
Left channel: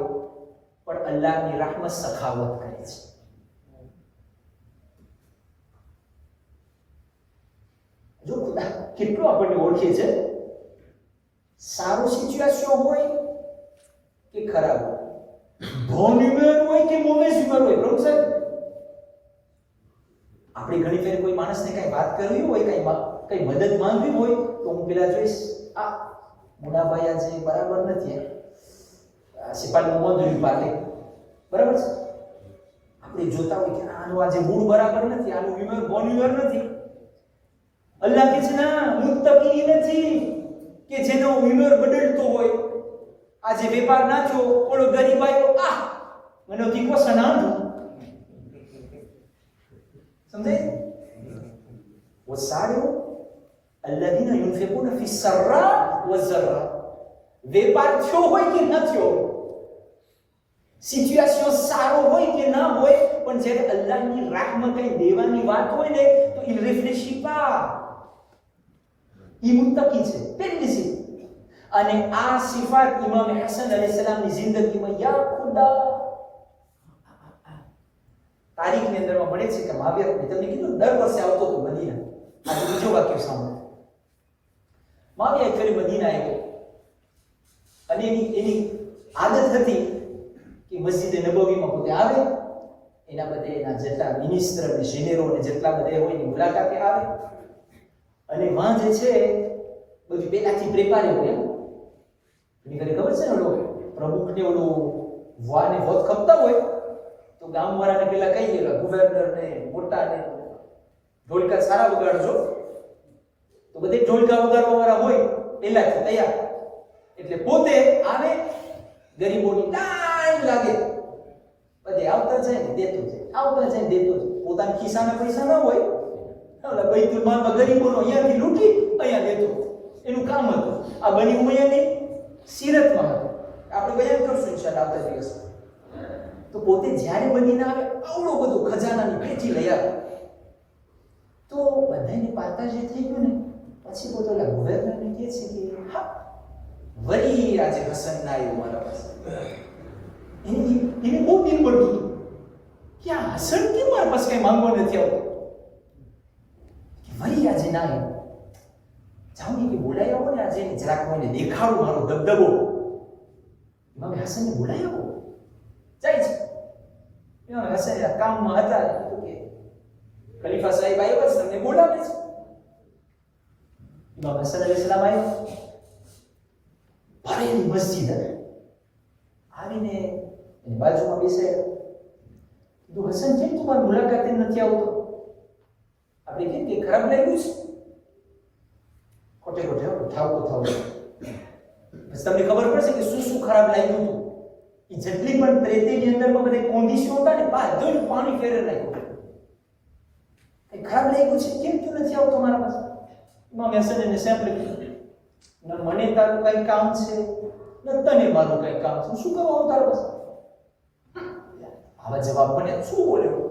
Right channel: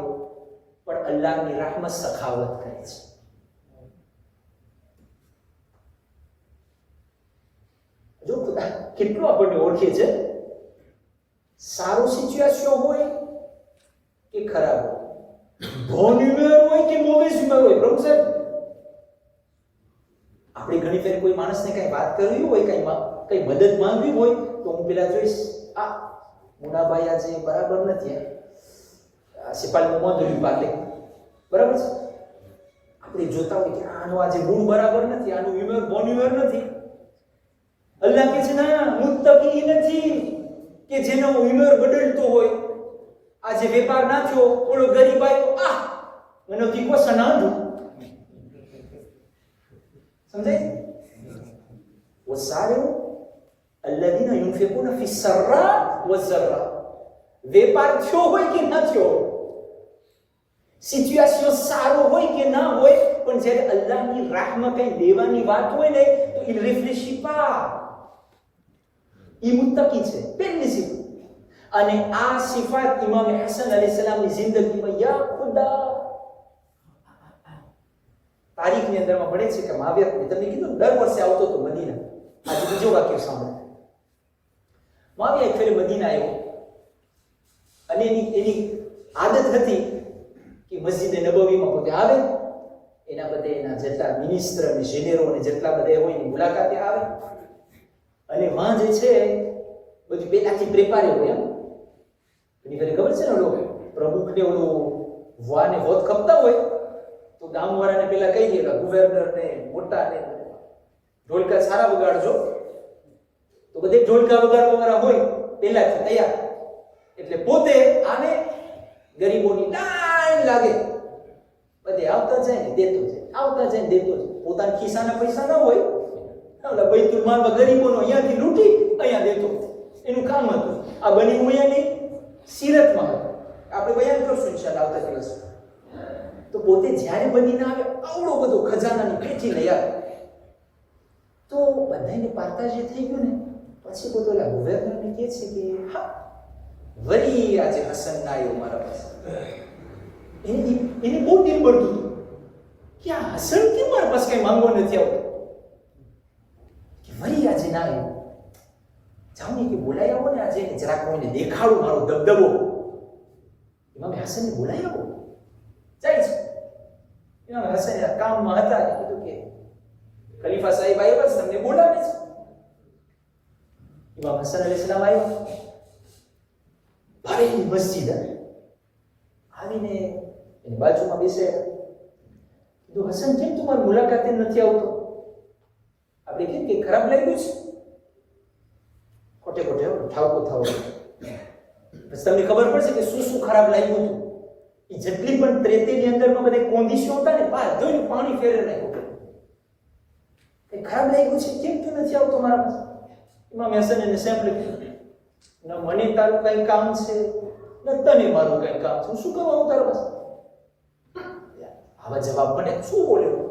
પણ અલ્લાહની rahmat સખાવત કરે છે. જો ખુદા કેટલો આપણને ઓળખે છે. સારું સિચ્યુએશન હોય કે ખરાબ હોય, બોન હ્યુમર હોય કે મોવેસ હ્યુમર હોય, પ્રભુ સાહેબ આપણે ઘણી ફેર કોઈ માણસને કઈ વાત કરવી હોય, કઈ મદદ માંગવી હોય તો હું પેલા જોઈશ, આ મુનાભાઈ આજે બરાબર નથી, સિપાહીનું મોંધું પાલે બરાબર છે. આપણે જોતા હોય કે આનું આજે મૂળ બરાબર નથી, આનું હ્યુમર બોન હ્યુમર નથી. અલ્લાહ કહે છે ના, મુત્તકી નથી કે જેનો હ્યુમર બદલતો હોય, આજે વેપાર ના થયો, ઓલો ગરીબ આવ્યો, મને દીકો સનાંધું. સમજાય? વસારિઉ અલ્લઝીના યુનફિકૂના ફી સર્રા વઝર્રા. વેપાર થયો હોય કે ન થયો, સિચ્યુએશન સારો હોય કે ના હોય, પણ જ્યારે અલ્લાહની રાહમાં કઈ દેવાની વાત હોય ને તો il réfléchit pas. ઈ મુત્તકી છે પહેલી સિફત. અને આ સિફત ઇમામ હસન અલૈહિસ્સલામની જિંદગીમાં યા ખુદા તારીખની અંદરમાં મળે છે કે માવિયા તમને કીધું દર વર્ષે આવતો તો મદીના. આજે બીજો વાક્ય સાંભળો. માવિયા એક ફેરે મદીના આવ્યો અને એની આદત હતી કે મસ્જિદ નબવીમાં પોતે આવે, એના બધે એના જેટલા મિનિસ્ટર અને જેનેરો અને જેટલા બધા હોય એની મુલાકાતે આવે અને વાં જે છે બધું પહેલાથી પ્રેપારે હોય. એની ફેરે ખબર છે ને ઓલો પ્રમુખને ઓલું વાને વોત ખપતા હોય તો ગામવાળાને પેલા કહી દેલા ગવર્નર ને મોટા ને ઢોલકા સારા વગાડજો, તો બધે ઢોલકા વગાડવાવાળા હોય પહેલાથી તૈયાર. એટલે પોતે આવે, ગરીબોની લાઈન લાગે, બધે આવતા જાય ને દેતો જાય, આવતા જાય ને દેતો જાય. પોતાના ખિસ્સાના પૈસા ના હોય, એટલે બૈતુલ માલમાં ગરીબોનો અહીંયાથી લૂંટી અહીંયા દેતો, એનું કામ હતું. આ બની ઉમૈયાની સીરતમાં હતું, આપણે બયાન કરશું ઇન્શાઅલ્લાહ આવતા દિવસ. તો પોતે જ્યારે બનીને આવે આવડો બધો ખજાનાની પેટી લઈ આવે. તો બધાને પાતા જે થઈ ગયું ને પછી પોતે ઓલા ગવર્નરને કહે છે કે હા વળી આજે હસન ના આવ્યો મારા પાસે. એને બહુ દિલ પડતું હતું કે આ હસન કેમ મારા પાસે કઈ માંગવા નથી આવતો, કે વળી આજે ના આવ્યો. જાઓ ને કે બોલાઈ આવો ને આજે જરાક કોઈને દેખાડું મારો દબદબો. ઇમામ હસનને બોલાઈ આવો. જાય છે. ઇમામ હસન કામમાં હતા, કીધું કે ખલીફા સાહેબ આવ્યા છે, તમને બોલાવે છે. ઇમામ હસન અલૈહિસ્સલામ આવ્યા, ભરેલી મસ્જિદ આવીને એની બાજુમાં બેસે. કીધું હસન કેમ તું મારી મુલાકાતે નથી આવતો? આપણે કેમ કે ખરાબ લાગ્યું છે? ખોટે ખોટે ઠાવકો થાવ. પછી તમને ખબર પડશે કે શું શું ખરાબ લાગ્યું હતું. એ જેટલી પણ ત્રેતીની અંદરમાં બધા કોંદીશો હતા ને બધું પાણી ફેરવી નાખ્યું. એ ખરાબ લાગ્યું છે, કેમ તું નથી આવતો મારા પાસે? ઇમામ હસન એને સેમ્પલ કીધું, ન મને તારું કઈ કામ છે ન તને મારું કઈ કામ છે, શું કરવા આવું તારા પાસે? આવા જવાબ મને શું બોલ્યો?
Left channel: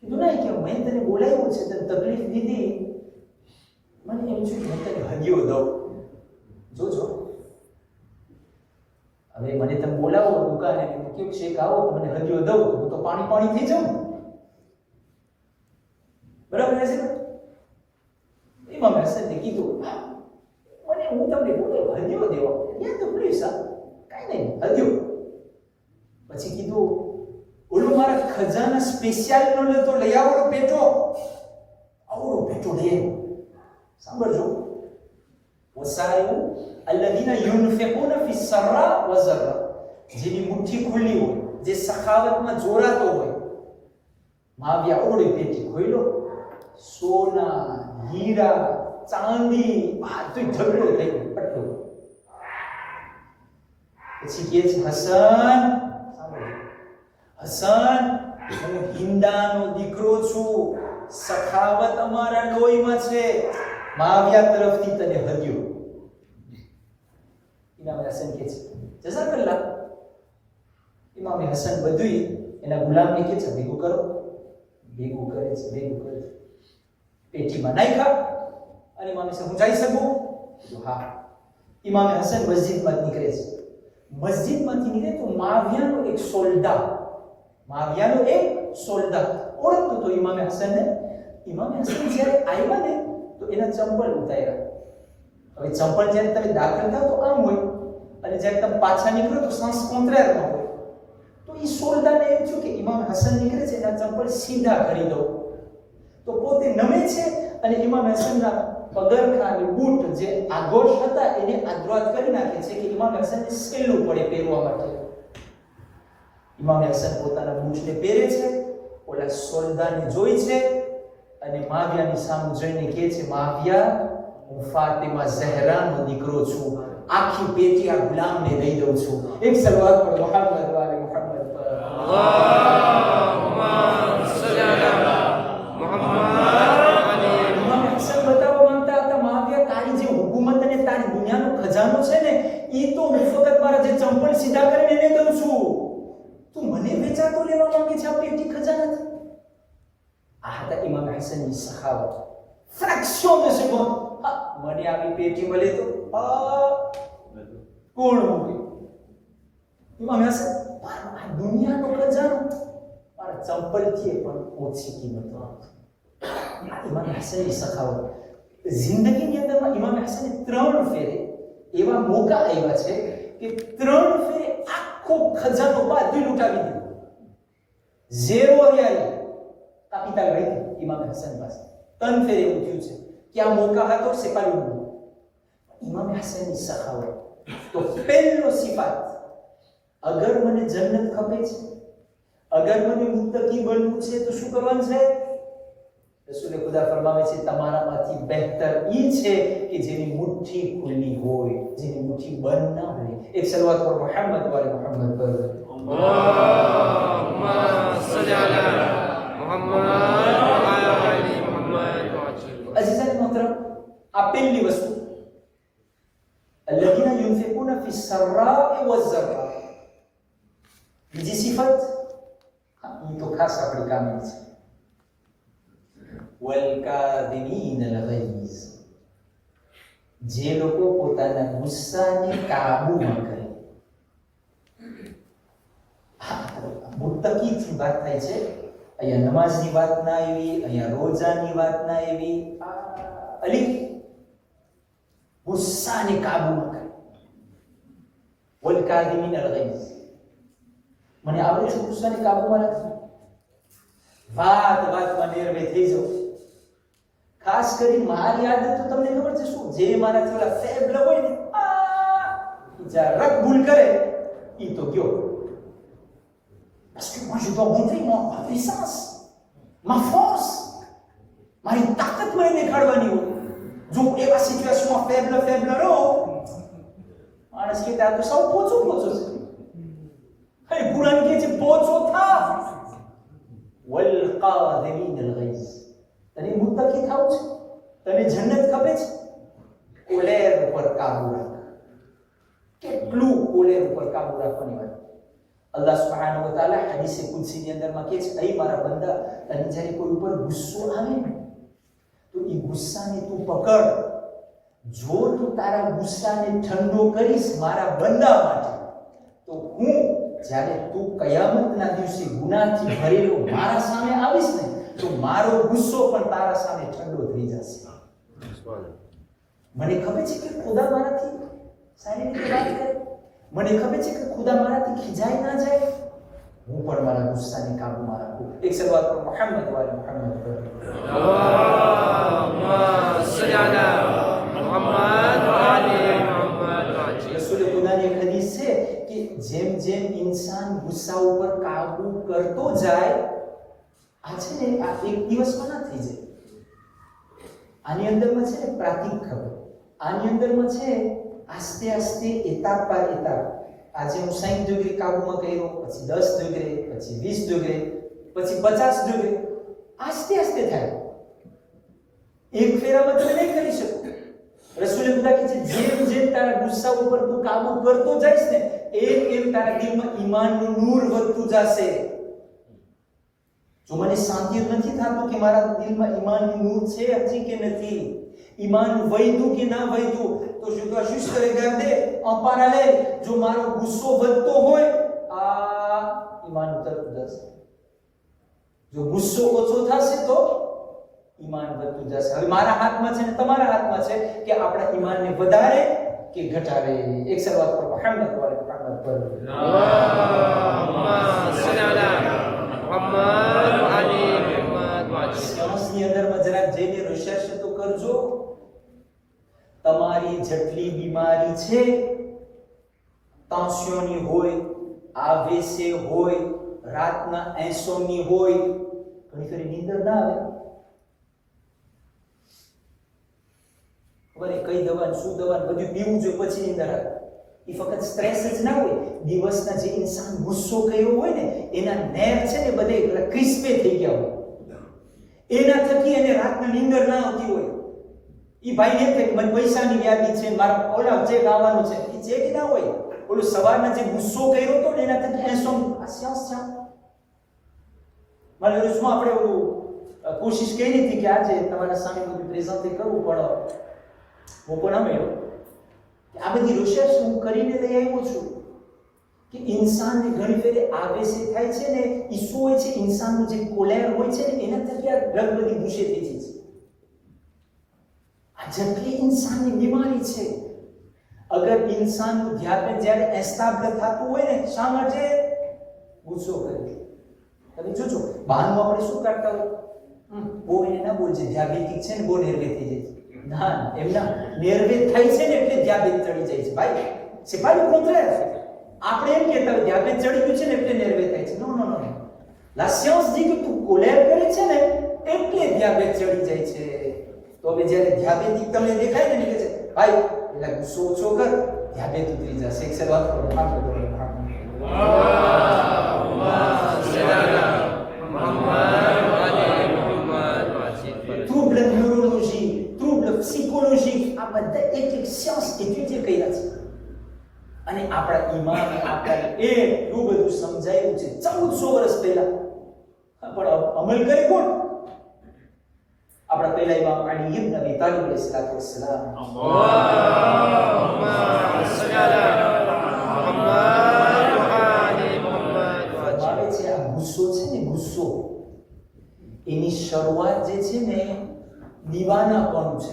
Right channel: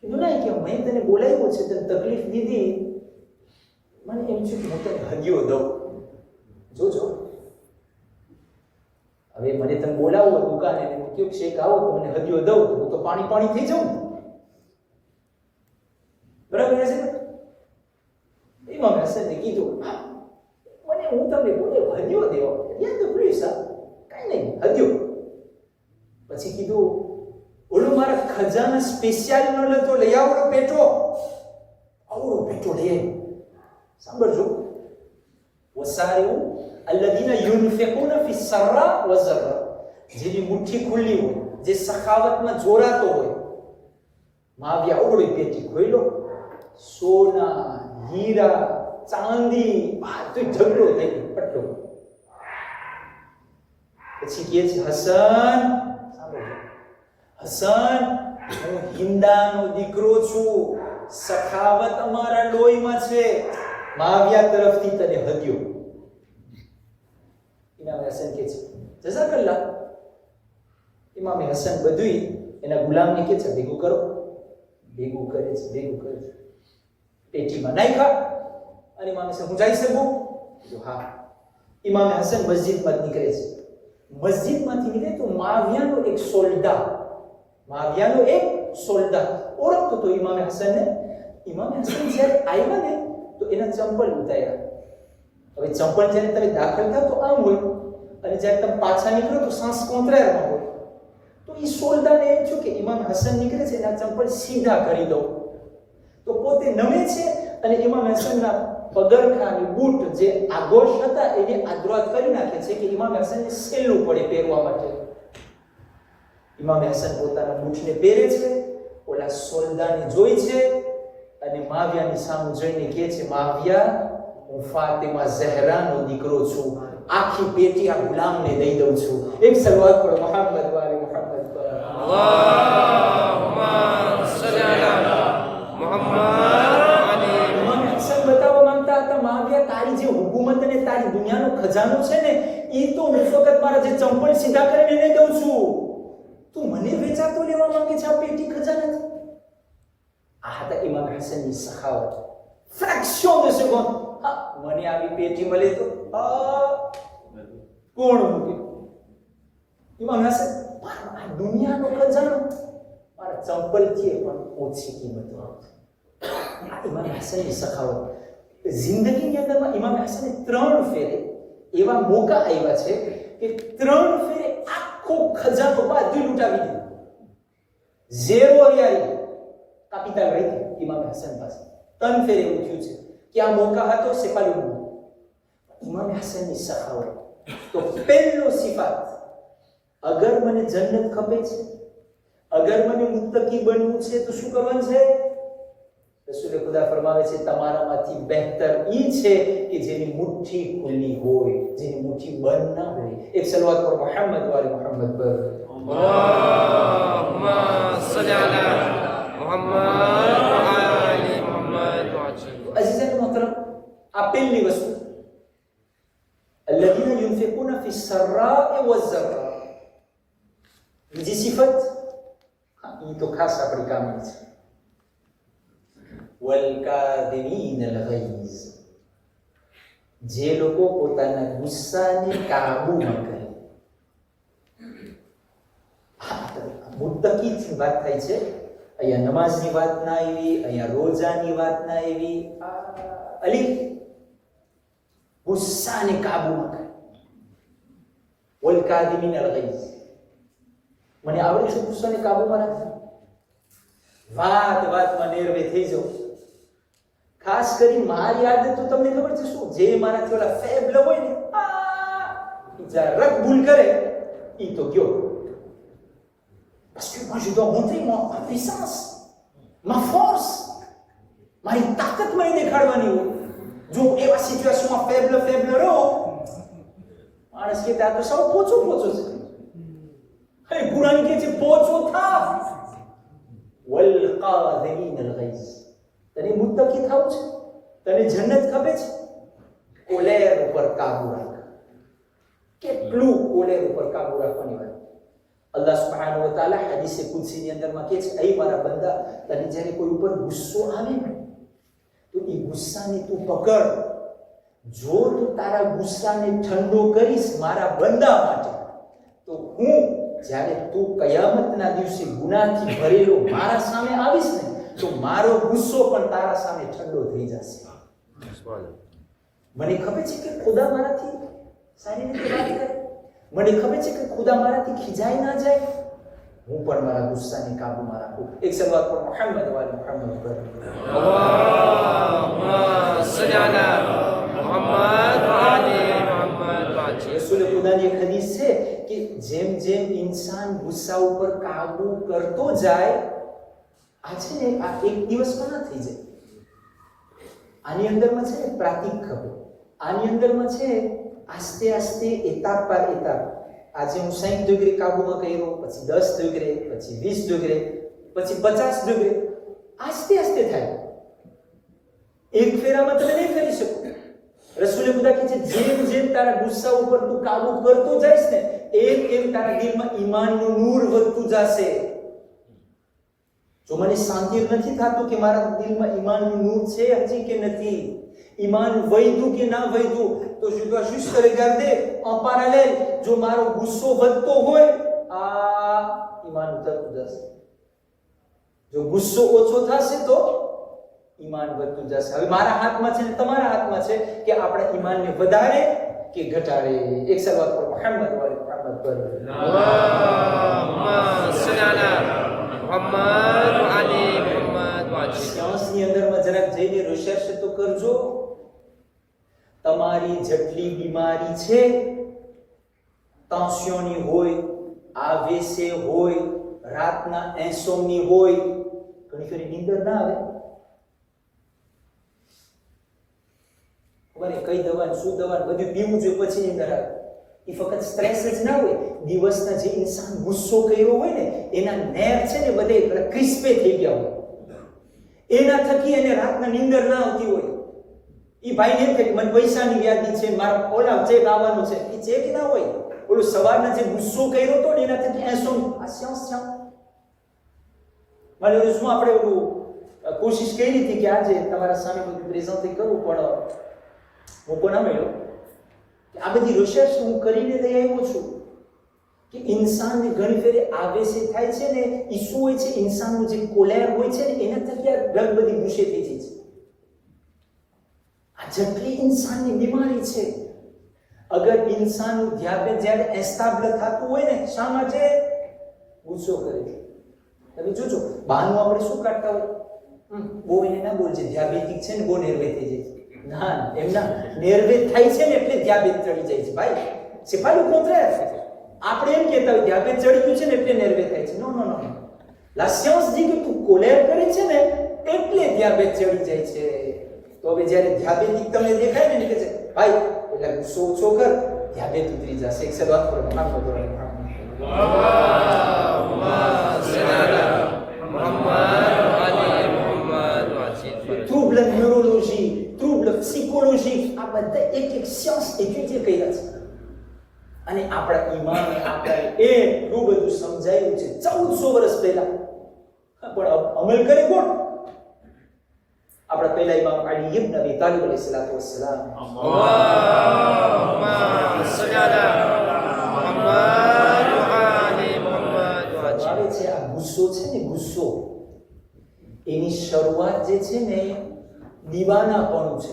કીધું નહીં કે મેં તને બોલાવ્યો છે, તને તકલીફ દીધી, મને એમ છે કે હું તને હદિયો દઉં. જોજો હવે મને તમે બોલાવો દુકાને કેવું શેક આવો તો મને હદિયો દઉં તો હું તો પાણી પાણી થઈ જાઉં. બરાબર છે? ઇમામ હસને કીધું મને હું તમને બોલ્યો હદિયો દેવો, યા તો પ્લીઝ કાંઈ નહીં હદિયો. પછી કીધું ઓલો મારા ખજાના સ્પેશિયલ ન લેતો લઈ આવડો પેટો, આવડો પેટો લઈ આવ્યો. સાંભળજો, વસારિઉ અલ્લઝીના યુનફિકૂના ફી સર્રા વઝર્રા. જેની મુઠ્ઠી ખુલ્લી હોય, જે સખાવતમાં જોરાતો હોય. માવિયા આવડી પેટી ખોઈલો, સોના હીરા ચાંદી બધું ઢગલો થઈ ગયો પટલો. પછી કહે છે હસન, હસન હું હિંદાનો દીકરો છું, સખાવત અમારા લોહીમાં છે, માવિયા તરફથી તને હદ્યો. ઇમામ હસન કહે છે જઝાકલ્લાહ. ઇમામ હસન બધું એના ગુલામને કહે છે ભેગું કરો. ભેગું કરે છે, ભેગું કરે છે, પેટીમાં નાખ્યા. અને ઇમામ હસન હું જઈ શકું? કીધું હા. ઇમામ હસન મસ્જિદમાં નીકળે છે. મસ્જિદમાંથી નીકળે તો માવિયાનો એક સોલ્ડા, માવિયાનો એક સોલ્ડા ઓળખતો તો ઇમામ હસનને. ઇમામ હસન જ્યારે આવ્યા ને તો એના ચંપલ ઉતાર્યા. હવે ચંપલ જ્યારે તમે દાખલ થાવ તો આમ હોય અને જ્યારે તમે પાછા નીકળો તો સાંસ કોંતરારમાં હોય. તો એ સોલ્ડાને એમ થયું કે ઇમામ હસન નીકળે છે એના ચંપલ સીધા કરી દઉં. તો પોતે નમે છે અને ઇમામ હસનના પગરખા અને બૂટ જે આગોશ હતા એને આદ્રાત કરી નાખે છે કે ઇમામ હસનને સહેલું પડે પહેરવા માટે. ઇમામ હસન પોતાના બૂટને પહેરે છે, ઓલા સોલ્ડાને જોઈ છે અને માવિયાની સામે જોઈને કહે છે માવિયા હું ફાતિમા ઝહરાનો દીકરો છું, આખી પેટી આ ગુલામને દઈ દઉં છું. એક સલવાત પર મુહમ્મદ વાલે મુહમ્મદ પર. અલ્લાહુમ્મા સલ્લી અલા મુહમ્મદ. ઇમામ હસન બતાવવા માંગતા હતા, માવિયા તારી જે હુકુમત અને તારી દુનિયાનો ખજાનો છે ને, ઈ તો હું ફક્ત મારા જે ચંપલ સીધા કરીને એને દઉં છું. તું મને વેચાતો લેવા માંગે છે આ પેટી ખજાનાથી? આ હતા ઇમામ હસનની સખાવત. ફ્રેક્શન de seconde મને આવી પેટી મળે તો કોણ મૂકે? ઇમામ હસન, આ દુનિયાનો ખજાનો મારા ચંપલથી પણ ઓછી કિંમત આવતી. આ ઇમામ હસનની સખાવત. જિંદગીની અંદરમાં ઇમામ હસને 3 ફેરે એવા મોકા આવ્યા છે કે 3 ફેરે આખો ખજાનો બધું લૂંટાવી દીધો. ઝેરો રિયાઈ કાપિતા ગઈ ઇમામ હસન પાસે. 3 ફેરે એવું થયું છે કે આ મોકા હતો સેપાલું. ઇમામ હસનની સખાવત. તો પહેલો સિફાત, અગર મને જન્નત ખપે છે, અગર મને મુત્તકી બનવું છે તો શું કરવાનું છે? રસૂલે ખુદા ફરમાવે છે, તમારામાંથી બહેતર ઈ છે કે જેની મુઠ્ઠી ખુલ્લી હોય, જેની મુઠ્ઠી બંધ ના હોય. એક સલવાત પર મુહમ્મદ વાલે મુહમ્મદ પર. અલ્લાહુમ્મા સલ્લી અલા મુહમ્મદ વ આલી મુહમ્મદ. અઝીઝાન મોહતરમ, આ પહેલી વસ્તુ. અલ્લઝીના યુનફિકૂના ફી સર્રાએ વઝ્ઝરા. બીજી સિફત, ઈ તો ખાસ આપણી કામની છે. વલકાદિમીન અલ-ગૈઝ. જે લોકો પોતાના ગુસ્સાને કાબૂમાં કરે. મુત્તકીની વાત થાય છે. અહીંયા નમાઝની વાત ના આવી, અહીંયા રોજાની વાત ના આવી. અલી ગુસ્સાને કાબૂમાં કરે. વલકાદિમીન અલ-ગૈઝ. મને આવડે છે ગુસ્સાને કાબૂમાં રાખવું. વાતમાં નેરવે થઈ જાવ. ખાસ કરી મારી આદત તો તમને ખબર છે શું? જે મારા થોડા ફેબલ હોય ને, જરા રક ભૂલ કરે ઈ તો ગયો. Parce que moi je dois montrer ma puissance, ma force. મારી તાકાત મને દેખાડવાની હોય. જો એવા સિચ્યુએશનમાં ફેબલ રહો, માણસ કે તો સૌ પોચો છે. અરે કુરાન કહે છે પોચો થા. વલકાદિમીન અલ-ગૈઝ. તને મુત્તકી થવું છે? તને જન્નત ખપે છે? કોલેર ઉપર કાબુ રાખ. કેટલું કોલેર ઉપર કાબુ રાખવાની વાત. અલ્લાહ સુબ્હાનહુ વ તઆલા હદીસે કુદસીની અંદરમાં કહે છે, એ મારા બંદા, તને જ્યારે કોઈ ઉપર ગુસ્સો આવે ને, તો એ ગુસ્સાને તું પકડ. જો તું તારા ગુસ્સાને ઠંડો કરીશ મારા બંદા માટે, તો હું જ્યારે તું કયામતના દિવસે ગુનાહથી ભરેલો મારા સામે આવીશ ને, તો મારો ગુસ્સો પણ તારા સામે ઠંડો થઈ જશે. મને ખબર છે કે ખુદા મારાથી સારી રીતે વાત કરે. મને ખબર છે કે ખુદા મારાથી ખીજાઈ ના જાય. હું પણ મારા ગુસ્સાને કાબૂમાં રાખું. એક સલવાત પર મુહમ્મદ વાલે મુહમ્મદ પર. અલ્લાહુમ્મા સલ્લી અલા મુહમ્મદ વ આલી મુહમ્મદ. રસૂલે ખુદાની એક હદીસ છે કે જેમ જેમ ઇન્સાન ગુસ્સા ઉપર કાબુ કરતો જાય, આ છે ને આ એક દિવસમાં ના થઈ જાય. આની અંદરમાં છે ને પ્રાતિક ખબર. આની અંદરમાં છે આસ્તે આસ્તે એતાપ પર એતાપ. આજે હું 60 ડિગ્રી કાબુમાં કર્યો, પછી 10 ડિગ્રી, પછી 20 ડિગ્રી, પછી 50 ડિગ્રી. આસ્તે આસ્તે થાય. એક ફેરામાં તમે નહીં કરી શકો. રસૂલે ખુદા કહે છે, જેમ જેમ તારા ગુસ્સા ઉપર તું કાબુ કરતો જઈશ ને, એમ તારા દિલમાં ઈમાનનું નૂર વધતું જશે. જો મને શાંતિ નથી થતું કે મારા દિલમાં ઈમાનનું નૂર છે હજી કે નથી, ઈમાન વૈધું કે ના વૈધું, તો je dois juste regarder en parallèle. જો મારો ગુસ્સો વધતો હોય, આ ઈમાન ઉતરતું જશે. જો ગુસ્સો ઓછો થશે તો ઈમાન વધતું જશે. હવે મારા હાથમાં છે ને તમારા હાથમાં છે કે આપણા ઈમાનને વધારે કે ઘટાડે. એક સલવાત પર મુહમ્મદ વાલે મુહમ્મદ પર. અલ્લાહુમ્મા સલ્લી અલા મુહમ્મદ વ આલી મુહમ્મદ. શ્વાસની અંદરમાં જરાક જઈને રિસર્ચ તો કરજો. તમારી જેટલી બીમારી છે, ટેન્શનની હોય, આવેસે હોય, રાતના ઇન્સોમની હોય, ઘણી ફરી નીંદર ના આવે, બને કઈ દવા ને શું દવા ને બધું પીવું જોઈએ પછી નીંદર આવે. એ ફક્ત સ્ટ્રેસ જ ના હોય, દિવસના જે ઇન્સાન ગુસ્સો કર્યો હોય ને એના નેર છે ને બધે ક્રિસ્પે થઈ ગયા હોય, એના થકી એને રાતના નીંદર ના આવતી હોય. એ ભાઈને એમ થાય મને પૈસાની યાદી છે, મારા ઓલા ચેક આવવાનો છે, એ ચેક ના હોય. ઓલો સવારના જે ગુસ્સો કર્યો હતો ને એના થકી એસો મારે શું આપણે ઓલું કોશિશ કરી હતી કે આજે તમારા સામે બધું પ્રેઝન્ટ કરવું, પણ મોકો ના મળ્યો. આ બધી રિસર્ચ હું કરીને લઈ આવ્યો છું કે ઇન્સાનને ઘણી ફેરે આવેશ થાય છે ને, એ શું હોય છે, ઇન્સાનનું જે કોલેર હોય છે ને એના થકી આ ડ્રગ બધી ગુસ્સે થઈ જાય છે. આ જટલી ઇન્સાનની બીમારી છે. અગર ઇન્સાનનું ધ્યાન જ્યારે એસ્ટાબ્લ થતું હોય ને, શા માટે ગુસ્સો કરે છે? તમે જોજો બહારનું આપણે શું કરતા હોય, બહુ એને ના બોલજે ધ્યાબેતિક છે ને બહુ નેર્વે થઈ જાય છે. ના, એમના નેર્વે થાય છે ને એટલે ધ્યાબેત ચડી જાય છે. ભાઈ c'est pas le contraire. આપણે એમ કહેતા હોય ધ્યાબેત ચડી ગયું છે ને એટલે નેર્વે થાય છે. નો નો નો, la science dit que તું કોલેર કરે છે ને એટલે ધ્યાબેત ચડી જાય છે. તો હવે જ્યારે ધ્યાબેતિક તમને દેખાય ને કે છે ભાઈ એટલે ગુસ્સો ઓછો કર, ધ્યાબેત ઉતરી જશે. એક સલાત પર trouble neurologique, trouble psychologique, આ બધા એક સિયાન્સ એક્યુટી કર્યા છે. અને આપણા ઈમામે આપણને એટલું બધું સમજાયું છે 1400 વર્ષ પહેલા, પણ અમલ કરે કોણ? આપણા પહેલા ઇમામ અલી ઇબ્ન અબી તાલિબ અલૈહિસ્સલાતુ વસ્સલામ. ફરમાવે છે આ ગુસ્સો છે ને, ગુસ્સો એની શરૂઆત જે છે ને દીવાનાપણું છે.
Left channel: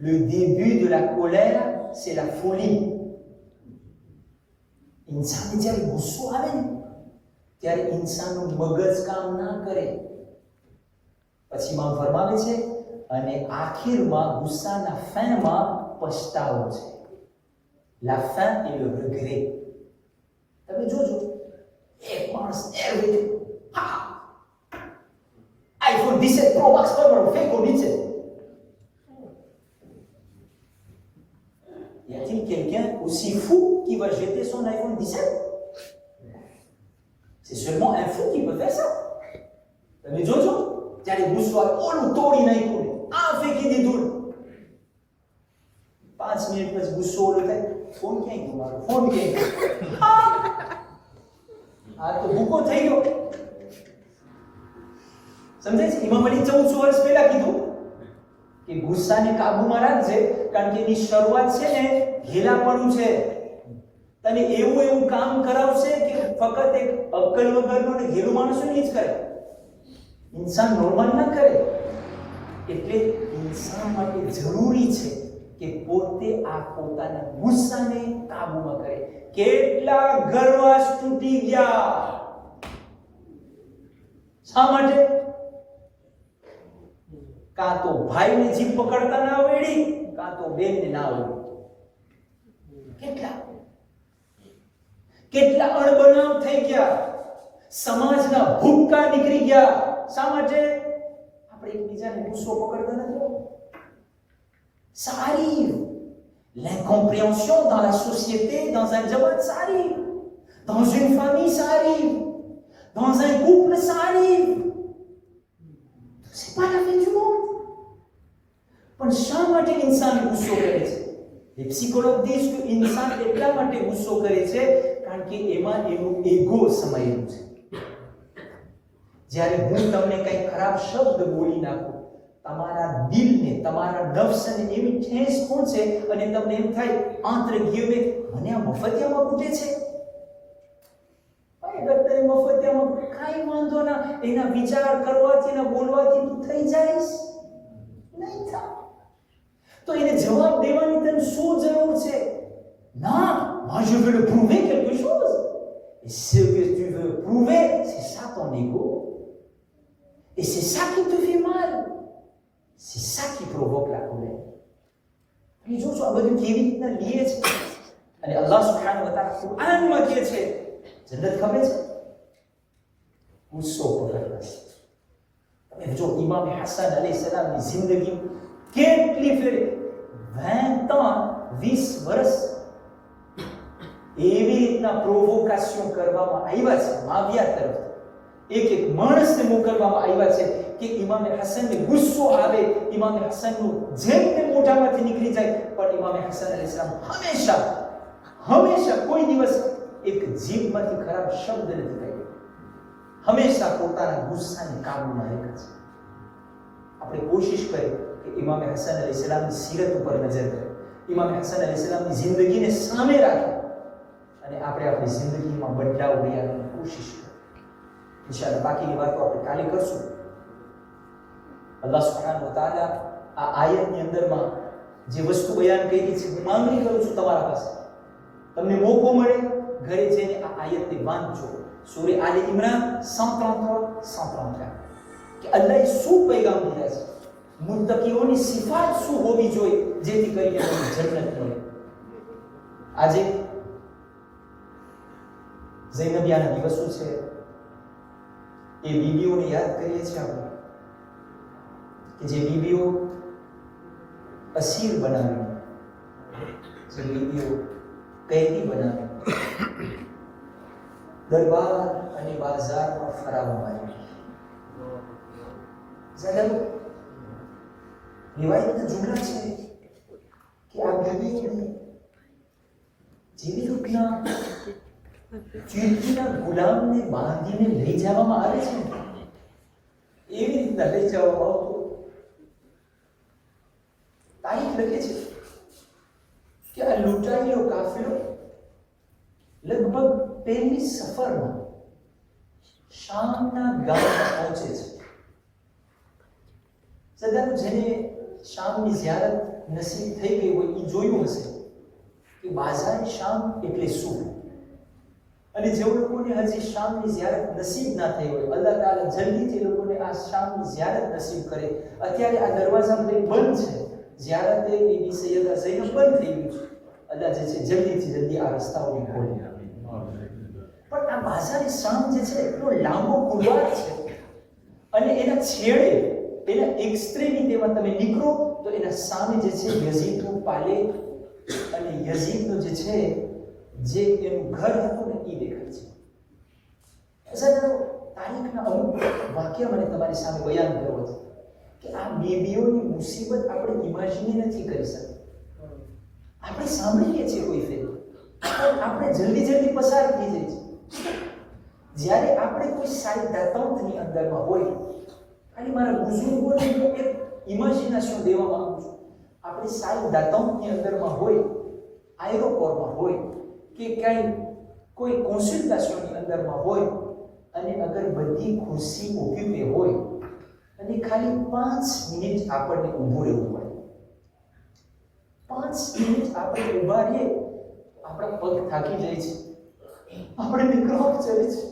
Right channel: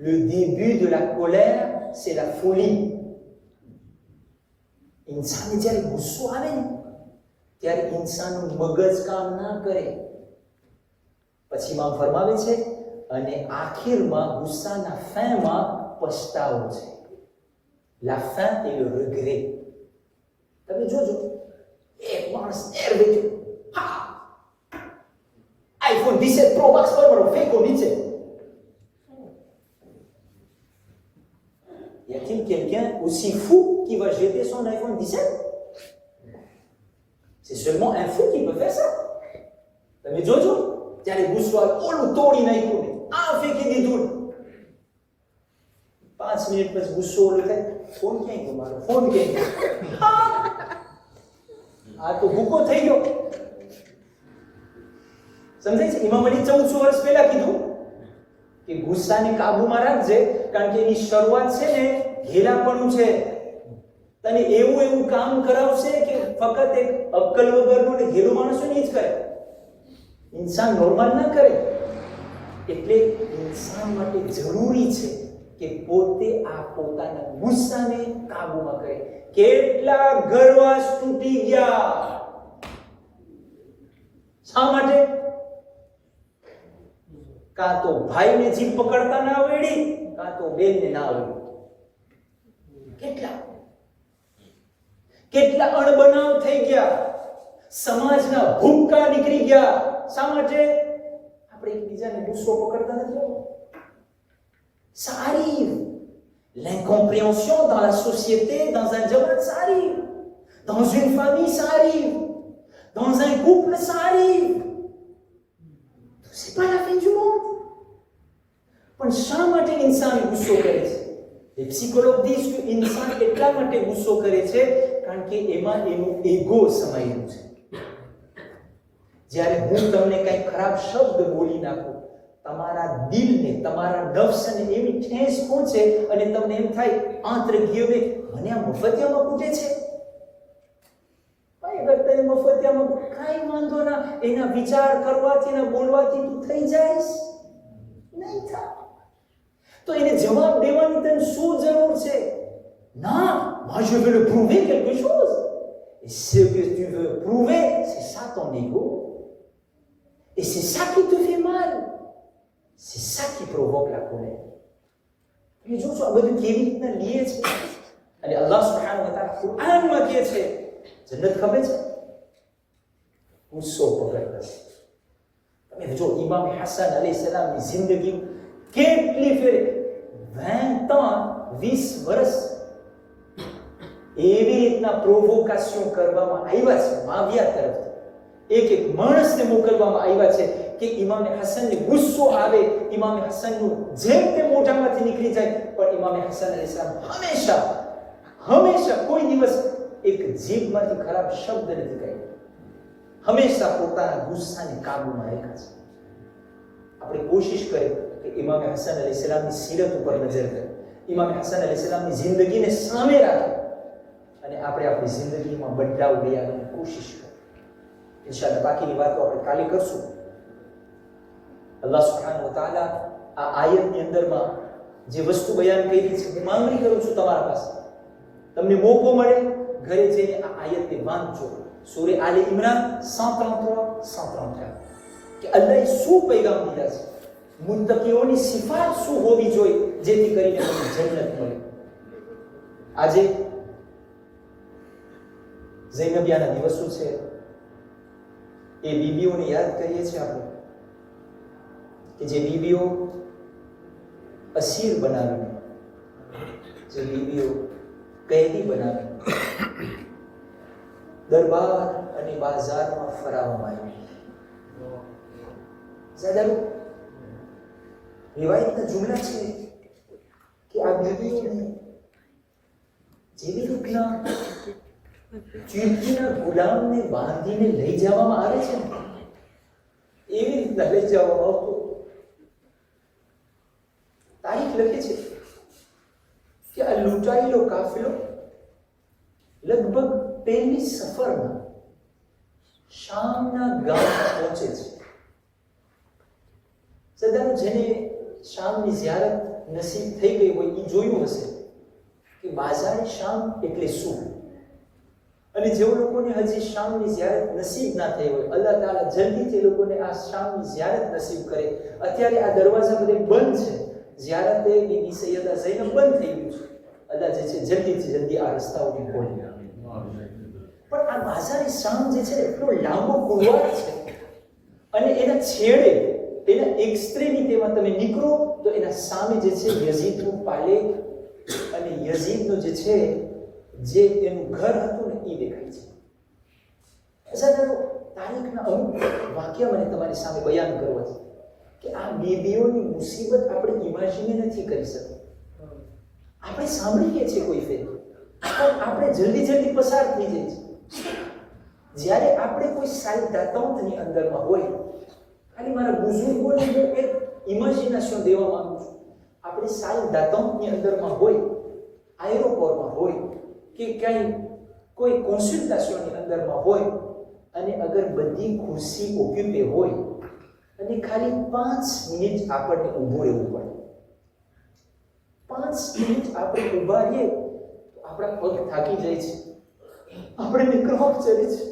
Le début de la colère c'est la folie. ઇન્સાનને જ્યારે ગુસ્સો આવે ને ત્યારે ઇન્સાનનું મગજ કામ ના કરે. પછી માં ફરમાવે છે અને આખિરમાં ગુસ્સાના ફેમાં પછતાવો છે. La fin et le regret. તમે જોજો એક માણસ નેર્વે થયો, હા iPhone 17 Pro Max પર ફેંકો નીચે. Y a-t-il quelqu'un aussi fou qui va jeter son iPhone 17? C'est seulement un fou qui peut faire ça. તમે જોજો ત્યારે ગુસ્સો આવે, ઓલું તોડી નાખ્યું ને આ ફેંકી દીધું, 5 મિનિટ પછી ગુસ્સો ઓલો થાય, ફોન ક્યાં ગયો મારો, ફોન ક્યાં ગયો? આ તો ભૂકો થઈ ગયો. સમજાય છે? ઇમામ અલી 1400 વર્ષ પહેલા કીધું કે ગુસ્સાને કાબુમાં રાખજે, કારણ કે એની શરૂઆત છે ને ઘેલાપણું છે. તને એવું કામ કરાવશે કે ફક્ત એક અક્કલ વગરનો ને ઘેલું માણસો જ કરે, ઇન્સાન નોર્મલ ના કરે. એટલે ઇન્સાન માટે જરૂરી છે કે પોતે આ પોતાના ગુસ્સાને કાબુમાં કરે. કેટલા ગર્વાસ તૂટી ગયા, શા માટે? કાં તો ભાઈને જીભ પકડતા ના આવડી, કાં તો બેનને ના આવડી. કેટલા અણબનાવ થઈ ગયા, સમાજના ભૂક્કા નીકળી ગયા. શા માટે? આપણે એકબીજાને ગુસ્સો પકડતા નથી. Ça arrive. L'incompréhension dans la société, dans un jamaat, ça arrive. Dans une famille, ça arrive. Dans un couple, ça arrive. C'est pas la fin du monde. પણ શા માટે ઇન્સાન ગુસ્સો કરે છે? Les psychologues disent que ઇન્સાન એટલા માટે ગુસ્સો કરે છે કારણ કે એમાં એનું ઈગો સમાયેલું છે. જ્યારે હું તમને કંઈ ખરાબ શબ્દ બોલી નાખું, તમારા દિલને, તમારા નફ્સને એવી ઠેસ પહોંચે અને તમને એમ થાય આંતરે ગીવે મને આ મફતિયામાં કૂટે છે. ભાઈ અગર તમે મફતિયામાં કાંઈ વાંધો ના, એના વિચાર કરવાથી ને બોલવાથી તું થઈ જઈશ નહીં થા. તો એને જવાબ દેવાની તને શું જરૂર છે? ના, moi je veux le prouver quelque chose. Et ce que tu veux prouver, c'est ça ton ego. Et c'est ça qui te fait mal. C'est ça qui provoque la colère. તમે જોશો આ બધું કેવી રીતના લીએ છે. અને અલ્લાહ સુબ્હાનહુ વ તઆલા કુરાનમાં કહે છે જન્નત ખબર છે ગુસ્સો પકડવા. તમે જો ઇમામ હસન અલૈહિસ્સલામની જિંદગી કેટલી ફેરે 20 વર્ષ એવી રીતના પ્રોવોકેશન કરવામાં આવ્યા છે માવિયા તરફથી. એક માણસને મોકલવામાં આવ્યા છે કે ઇમામે હસનને ગુસ્સો આવે, ઇમામે હસનનું જેમ તે મોઢામાંથી નીકળી જાય, પણ ઇમામે હસન અલૈહિસ્સલામ હંમેશા કોઈ દિવસ એક જીભમાંથી ખરાબ શબ્દ નથી કહ્યો. હંમેશા પોતાના ગુસ્સાને કાબૂમાં રાખ્યા છે. આપણે કોશિશ કરીએ કે ઇમામે હસન અલૈહિસ્સલામની સીરત ઉપર નજર કરીએ, ઇમામે હસન અલૈહિસ્સલામની જિંદગીને સામે રાખીએ અને આપણે આપણી જિંદગીમાં બદલાવ લઈ આવવાની કોશિશ કરીએ. ઇન્શાઅલ્લાહ બાકીની વાતો આપણે કાલે કરશું. અલ્લાહ સુબ્હાનહુ વ તઆલા આ આયતની અંદરમાં જે વસ્તુ બયાન કરી છે, હું માંગણી કરું છું તમારા પાસે, તમને મોકો મળે ઘરે જઈને આ આયતને વાંચજો. સૂરે આલે ઇમરાન 133 કે અલ્લાહે શું પૈગામ દીધા છે, મુત્તકીઓની સિફાત શું હોવી જોઈએ જેથી કરીને તમને જન્નત મળે. આજે ઝૈનબિયાના દિવસો છે, એ બીબીઓને યાદ કરીએ છીએ આપણે કે જે બીબીઓ અસીર બનાવીને, જે બીબીઓ કૈદી બનાવી દરબાર અને બાજારમાં ફરાવવામાં આવી. ज़्यादा रिवायत जुमला છે કે આ બીબીઓને જેવી રીતના ચીરકીના ગુલામને બાંધીને લઈ જવામાં આવે છે, એવી રીતના લઈ જવામાં આવતો. તારીખ લખે છે કે આ લૂંટાયેલો કાફિલો લગભગ પહેલી સફરમાં શામના ગામમાં પહોંચે છે. સદાનું જેને શામની ઝિયારત નસીબ થઈ ગઈ હોય એ જોયું હશે કે બાઝાર શામ એટલે શું. અને જે લોકોને હજી શામની ઝિયારત નસીબ ના થઈ હોય, અલ્લાહ તાઆલા જલ્દીથી લોકોને આ શામની ઝિયારત નસીબ કરે. અત્યારે આ દરવાજા બધે બંધ છે, ઝિયારતે બીબી સૈયદા ઝૈનબ બંધ થઈ ગયું છે. અલ્લાહ જે છે જલ્દી આ રસ્તાઓને ખોલે. પણ આ બાઝાર શામ જે છે એટલો લાંબો કુરવાર છે અને એના છેડે એના એક્સ્ટ્રીમિટીમાં તમે નીકળો તો એના સામે જે છે યઝીદનું પાલે અને યઝીદનું જે છે જે એનું ઘર હતું ને એ દેખાય છે. અસરનો તારીખના અમુક વાક્ય મને તમારી સામે બયાન કરવા છે કે આ બીબીઓની મુસીબત આપણે ઇમેજિન નથી કરી શકતા. આપણે સાંભળીએ છીએ કોઈ ફેર, પણ આપણે જલ્દી પસાર થઈ જાય છે. જ્યારે આપણે કોઈ સારી દાતાઓની અંદરમાં હોય, ખાલી મારા બુઝુર્ગોને એક ઇમેજિનેશન દેવા માંગુ છું, આપણે સારી દાતાઓની અંદરમાં હોય, આયરોપોરમાં હોય કે ક્યાંય કોઈ કોન્સલ્ટેશનની અંદરમાં હોય અને અગર બધી ખુરશી ઓક્યુપે હોય અને ખાલી 5 મિનિટ આપણને ઊભું રહેવું પડે, 5 મિનિટ આપણે ઊભા રહીએ તો આપણા પગ થાકી જાય છે, આપણે ક્રોપ ચડે છે.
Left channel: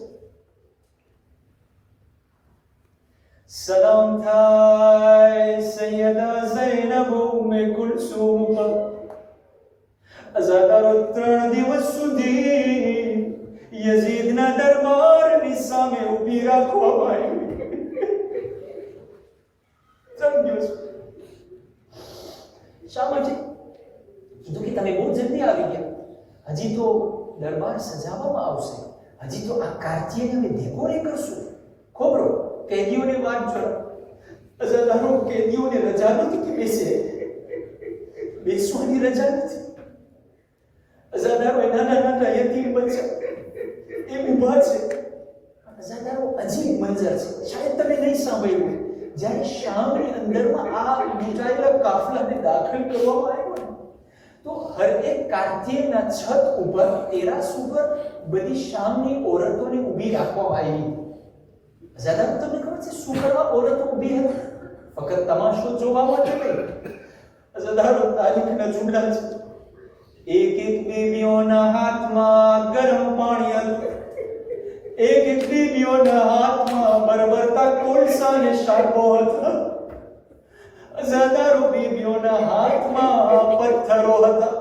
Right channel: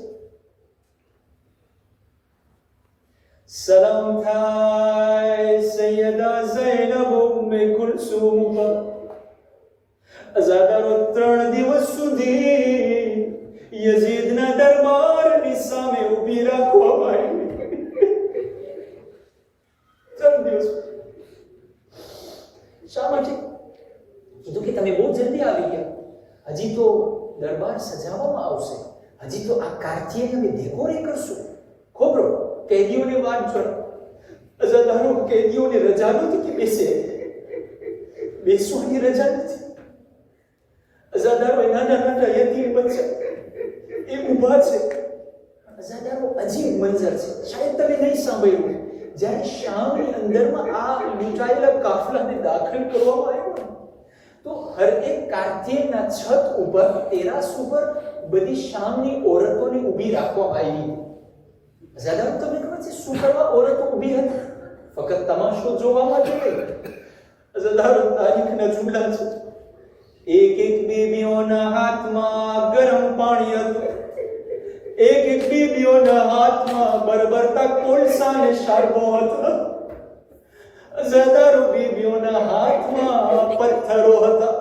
સલામ થાય સૈયદા ઝૈનબ ઉમ્મે કુલસુમ. અઝાદારો 3 દિવસ સુધી યઝીદના દરબારની સામે ઊભી રાખવામાં આવી. 3 દિવસ. શા માટે? કીધું કે તમે બહુ જલ્દી આવી ગયા, હજી તો દરબાર સજાવવામાં આવશે, હજી તો આ કાર્તિયને અમે ડેકોરે કરશું. ખોબરો કેદીઓને વાત જોડો. અઝાદારો કેદીઓને રજા નથી કે બેસવાની રજા નથી. અઝાદારો નાના યતીમ બચ્ચા એ ઊભા છે. અઝાદારો અજીબ મંજર છે, શાયદ તમે નહીં સાંભળ્યું. જ્યારે શામની અંદરમાં આ લૂંટાયેલા કાફલાને દાખલ કરવામાં આવ્યો તો હર એક કાર્તિયના છત ઉપર, તેરાસ ઉપર બધી શામની ઓરતોને ઊભી રાખવામાં આવી. અઝાદારો તમને ખબર છે શું કરવા ઓરતો ઊભી હતી? ફક્ત તમાશો જોવા માટે નહીં. અઝાદારો તારીખના જુમલા છે. એક બીબીઓના હાથમાં ગરમ પાણી હતું, એક બીબીઓના હાથમાં બરબરતા કોલસાને શારપો હતો. અઝાદારો બીબીઓના હાથમાં પથ્થરો હતા.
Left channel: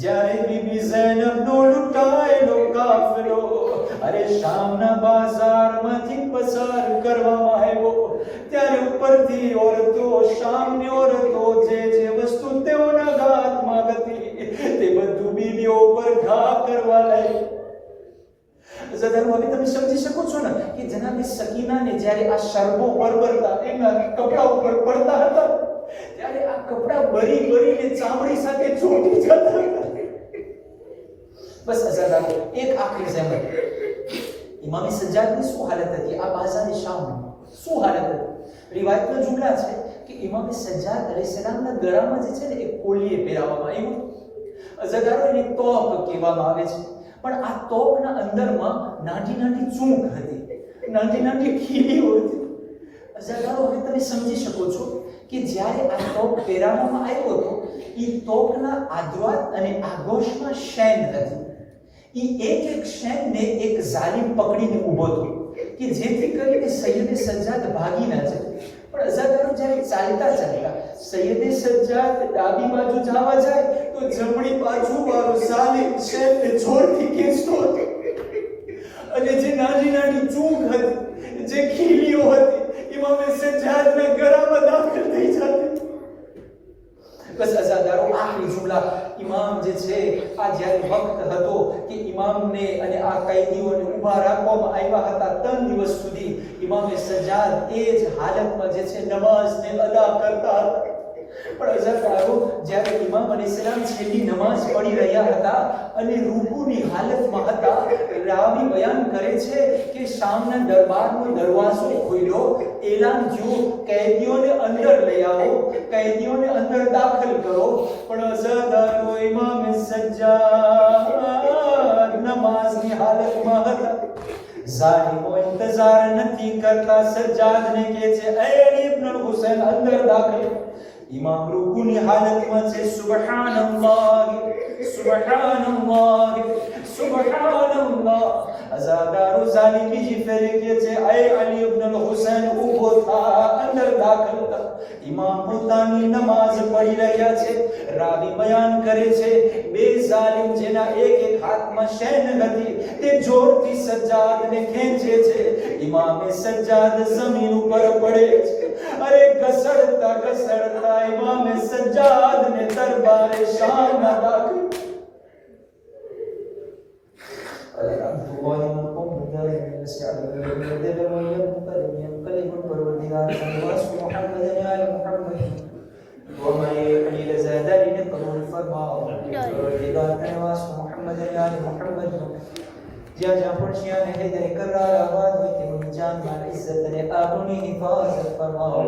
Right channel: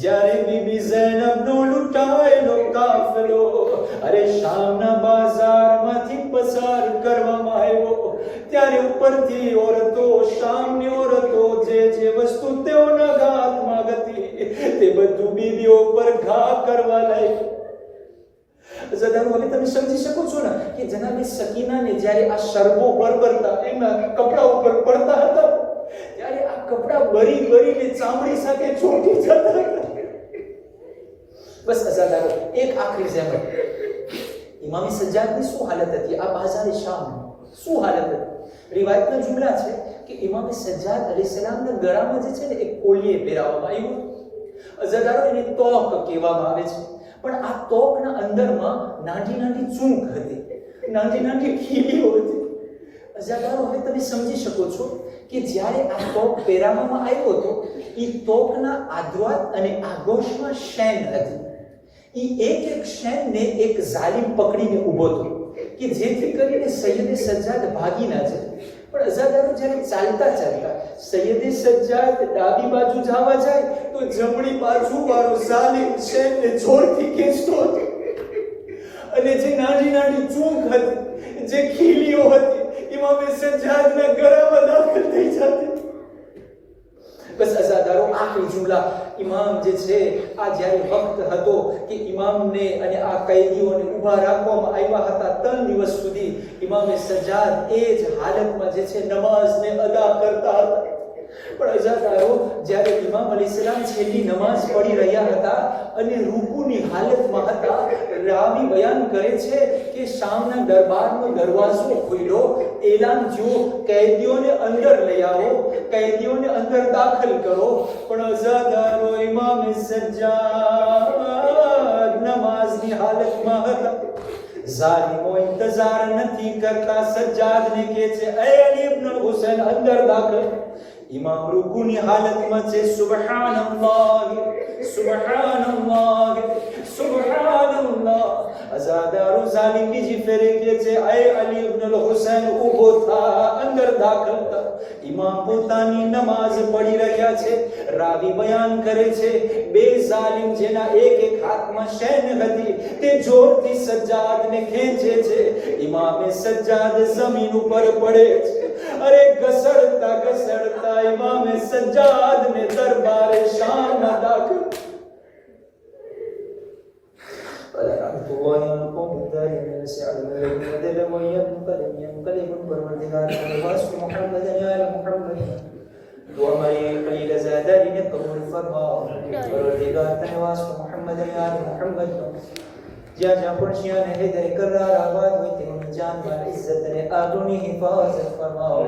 જ્યારે બીબી ઝૈનબનો લૂંટાયેલો કાફલો અરે શામના બાજારમાંથી પસાર કરવામાં આવ્યો, ત્યારે ઉપરથી ઓરતો, શામની ઓરતો જે વસ્તુ તેઓના ઘર ખીલીઓ ઉપર ઘા કરવા લાગ્યા. અઝાદારો, હવે તમે સમજી શકો છો ને કે જનાબે સકીનાને જ્યારે આ શરબો બરબરતા એમના કપડા ઉપર પડતા હતા ત્યારે આ કપડા બરી બરીને ચામડી સાથે ચોંટી જતા હતા. બસ અઝાદારો, એક આખરી જહેમત. ઇમામે સજ્જાદની શું હાલત હતી આ બાઝારે શામમાં? શું હાલત હતી? રિવાયતના જુમલા છે કે ઇમામે સજ્જાદ અલૈહિસ્સલામના ગળામાં જે છે ને એક કોલીએ પહેરાવવામાં આવ્યું. અઝાદારો, એને તોક કહેવામાં આવે છે. પણ આ તોકના અંદરમાં નાની નાની ચૂંક હતી, નાની નાની ખીલીઓ હતી. અઝાદારો, હવે તમે સમજી શકો છો કે જ્યારે આ તોક પહેરાવવામાં આવ્યો હતો એ તોકના આદ્રાત અને આગોશમાં શેન હતી. એ એક શેનને એક ઝાલિમ પકડીને ઊભો હતો કે જેથી કરીને સૈયદે સજ્જાદ ભાગી ના જાય. પણ અઝાદારો, જ્યારે ચાલતા ચાલતા સૈયદે સજ્જાદ ડાબી બાજુ જવા જાય તો જમણી બાજુ વાળો ઝાલિમ શેનને જોરથી ખેંચતો હતો અને જે નાની નાની ચૂંક હતી, જે ખીલીઓ હતી, ઇમામે સજ્જાદના ગળામાં દાખલ થઈ જતી. બસ અઝાદારો, આખરી જુમલા. ઇમામ જે છે આ જ્યારે વખત હતો કે ઇમામને અને આ કૈદીઓને ઊભા રાખવામાં આવ્યા હતા 3 દિવસ સુધી, ઇમામે સજ્જાદ એ જ હાલતમાં જે છે નમાઝને અદા કરતા હતા. પણ અઝાદારો, જ્યારે ઇમામ અલૈહિસ્સલામ છેલ્લી નમાઝ પઢી રહ્યા હતા અને રૂકુની હાલતમાં હતા, રાવી બયાન કરે છે કે શામના દરબારનો દરવાજો ખુલ્યો, એલાન થયું, કેદીઓને અંદર લઈ આવો, કેદીઓને અંદર દાખલ કરો. પણ અઝાદારો, ઇમામે સજ્જાદ નમાઝની હાલતમાં હતા. ઝાલિમો ઇંતજાર નથી કરતા, સજ્જાદને કહે છે, એ અલી ઇબ્ન હુસૈન અંદર દાખલ. ઇમામ રૂકુની હાલતમાં છે. સુબહાનલ્લાહ, સુબહાનલ્લાહ, સુબહાનલ્લાહ. અઝાદારો, ઝાલિમ બીજી ફેરે કહે છે, એ અલી ઇબ્ન હુસૈન ઊભો થા, અંદર દાખલ થા. ઇમામ પોતાની નમાઝ પઢી રહ્યા છે. રાવી બયાન કરે છે, બે ઝાલિમ જેના એક એક હાથમાં શેન હતી તે જોરથી સજ્જાદને ખેંચે છે. ઇમામે સજ્જાદ જમીન ઉપર પડે છે. અરે ઘસડતા ઘસડતા ઇમામે સજ્જાદને દરબારે શામમાં દાખલ. જ્યાં જ્યાં પણ શિયાને હૈદરે કરાર આબાદ હોય તેઓની જાન માલ ઇઝ્ઝત અને આબરૂની હિફાઝત ફરમાવો.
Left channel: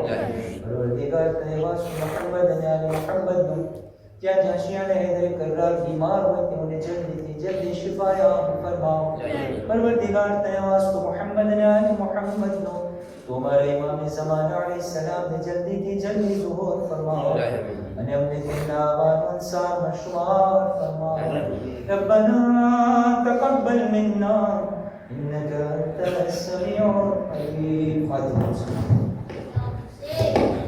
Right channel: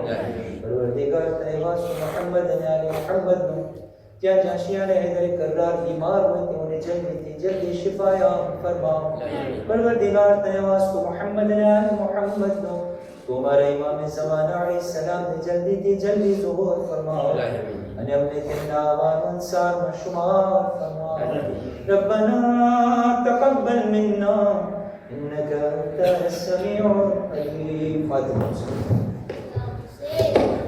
પરવરદિગાર તને વાસ મુહમ્મદ અને આલે મુહમ્મદનું જ્યાં જ્યાં શિયાને હૈદરે કરાર બીમાર હોય તેઓને જલ્દીથી જલ્દી શિફાયાત ફરમાવો. પરવરદિગાર તને વાસ મુહમ્મદ અને આલે મુહમ્મદનું तुम्हारे इमाम ज़माना अलैहिस्सलाम ने जल्दी थी जल्दी ज़ुहूर फरमाओ અને અમને તેમના આવાન અન્સાર માં શુમાર ફરમાઓ. રબ્બના તકબ્બલ મિન્ના ઇન્નકા અંતસ સમીઉલ અલીમ.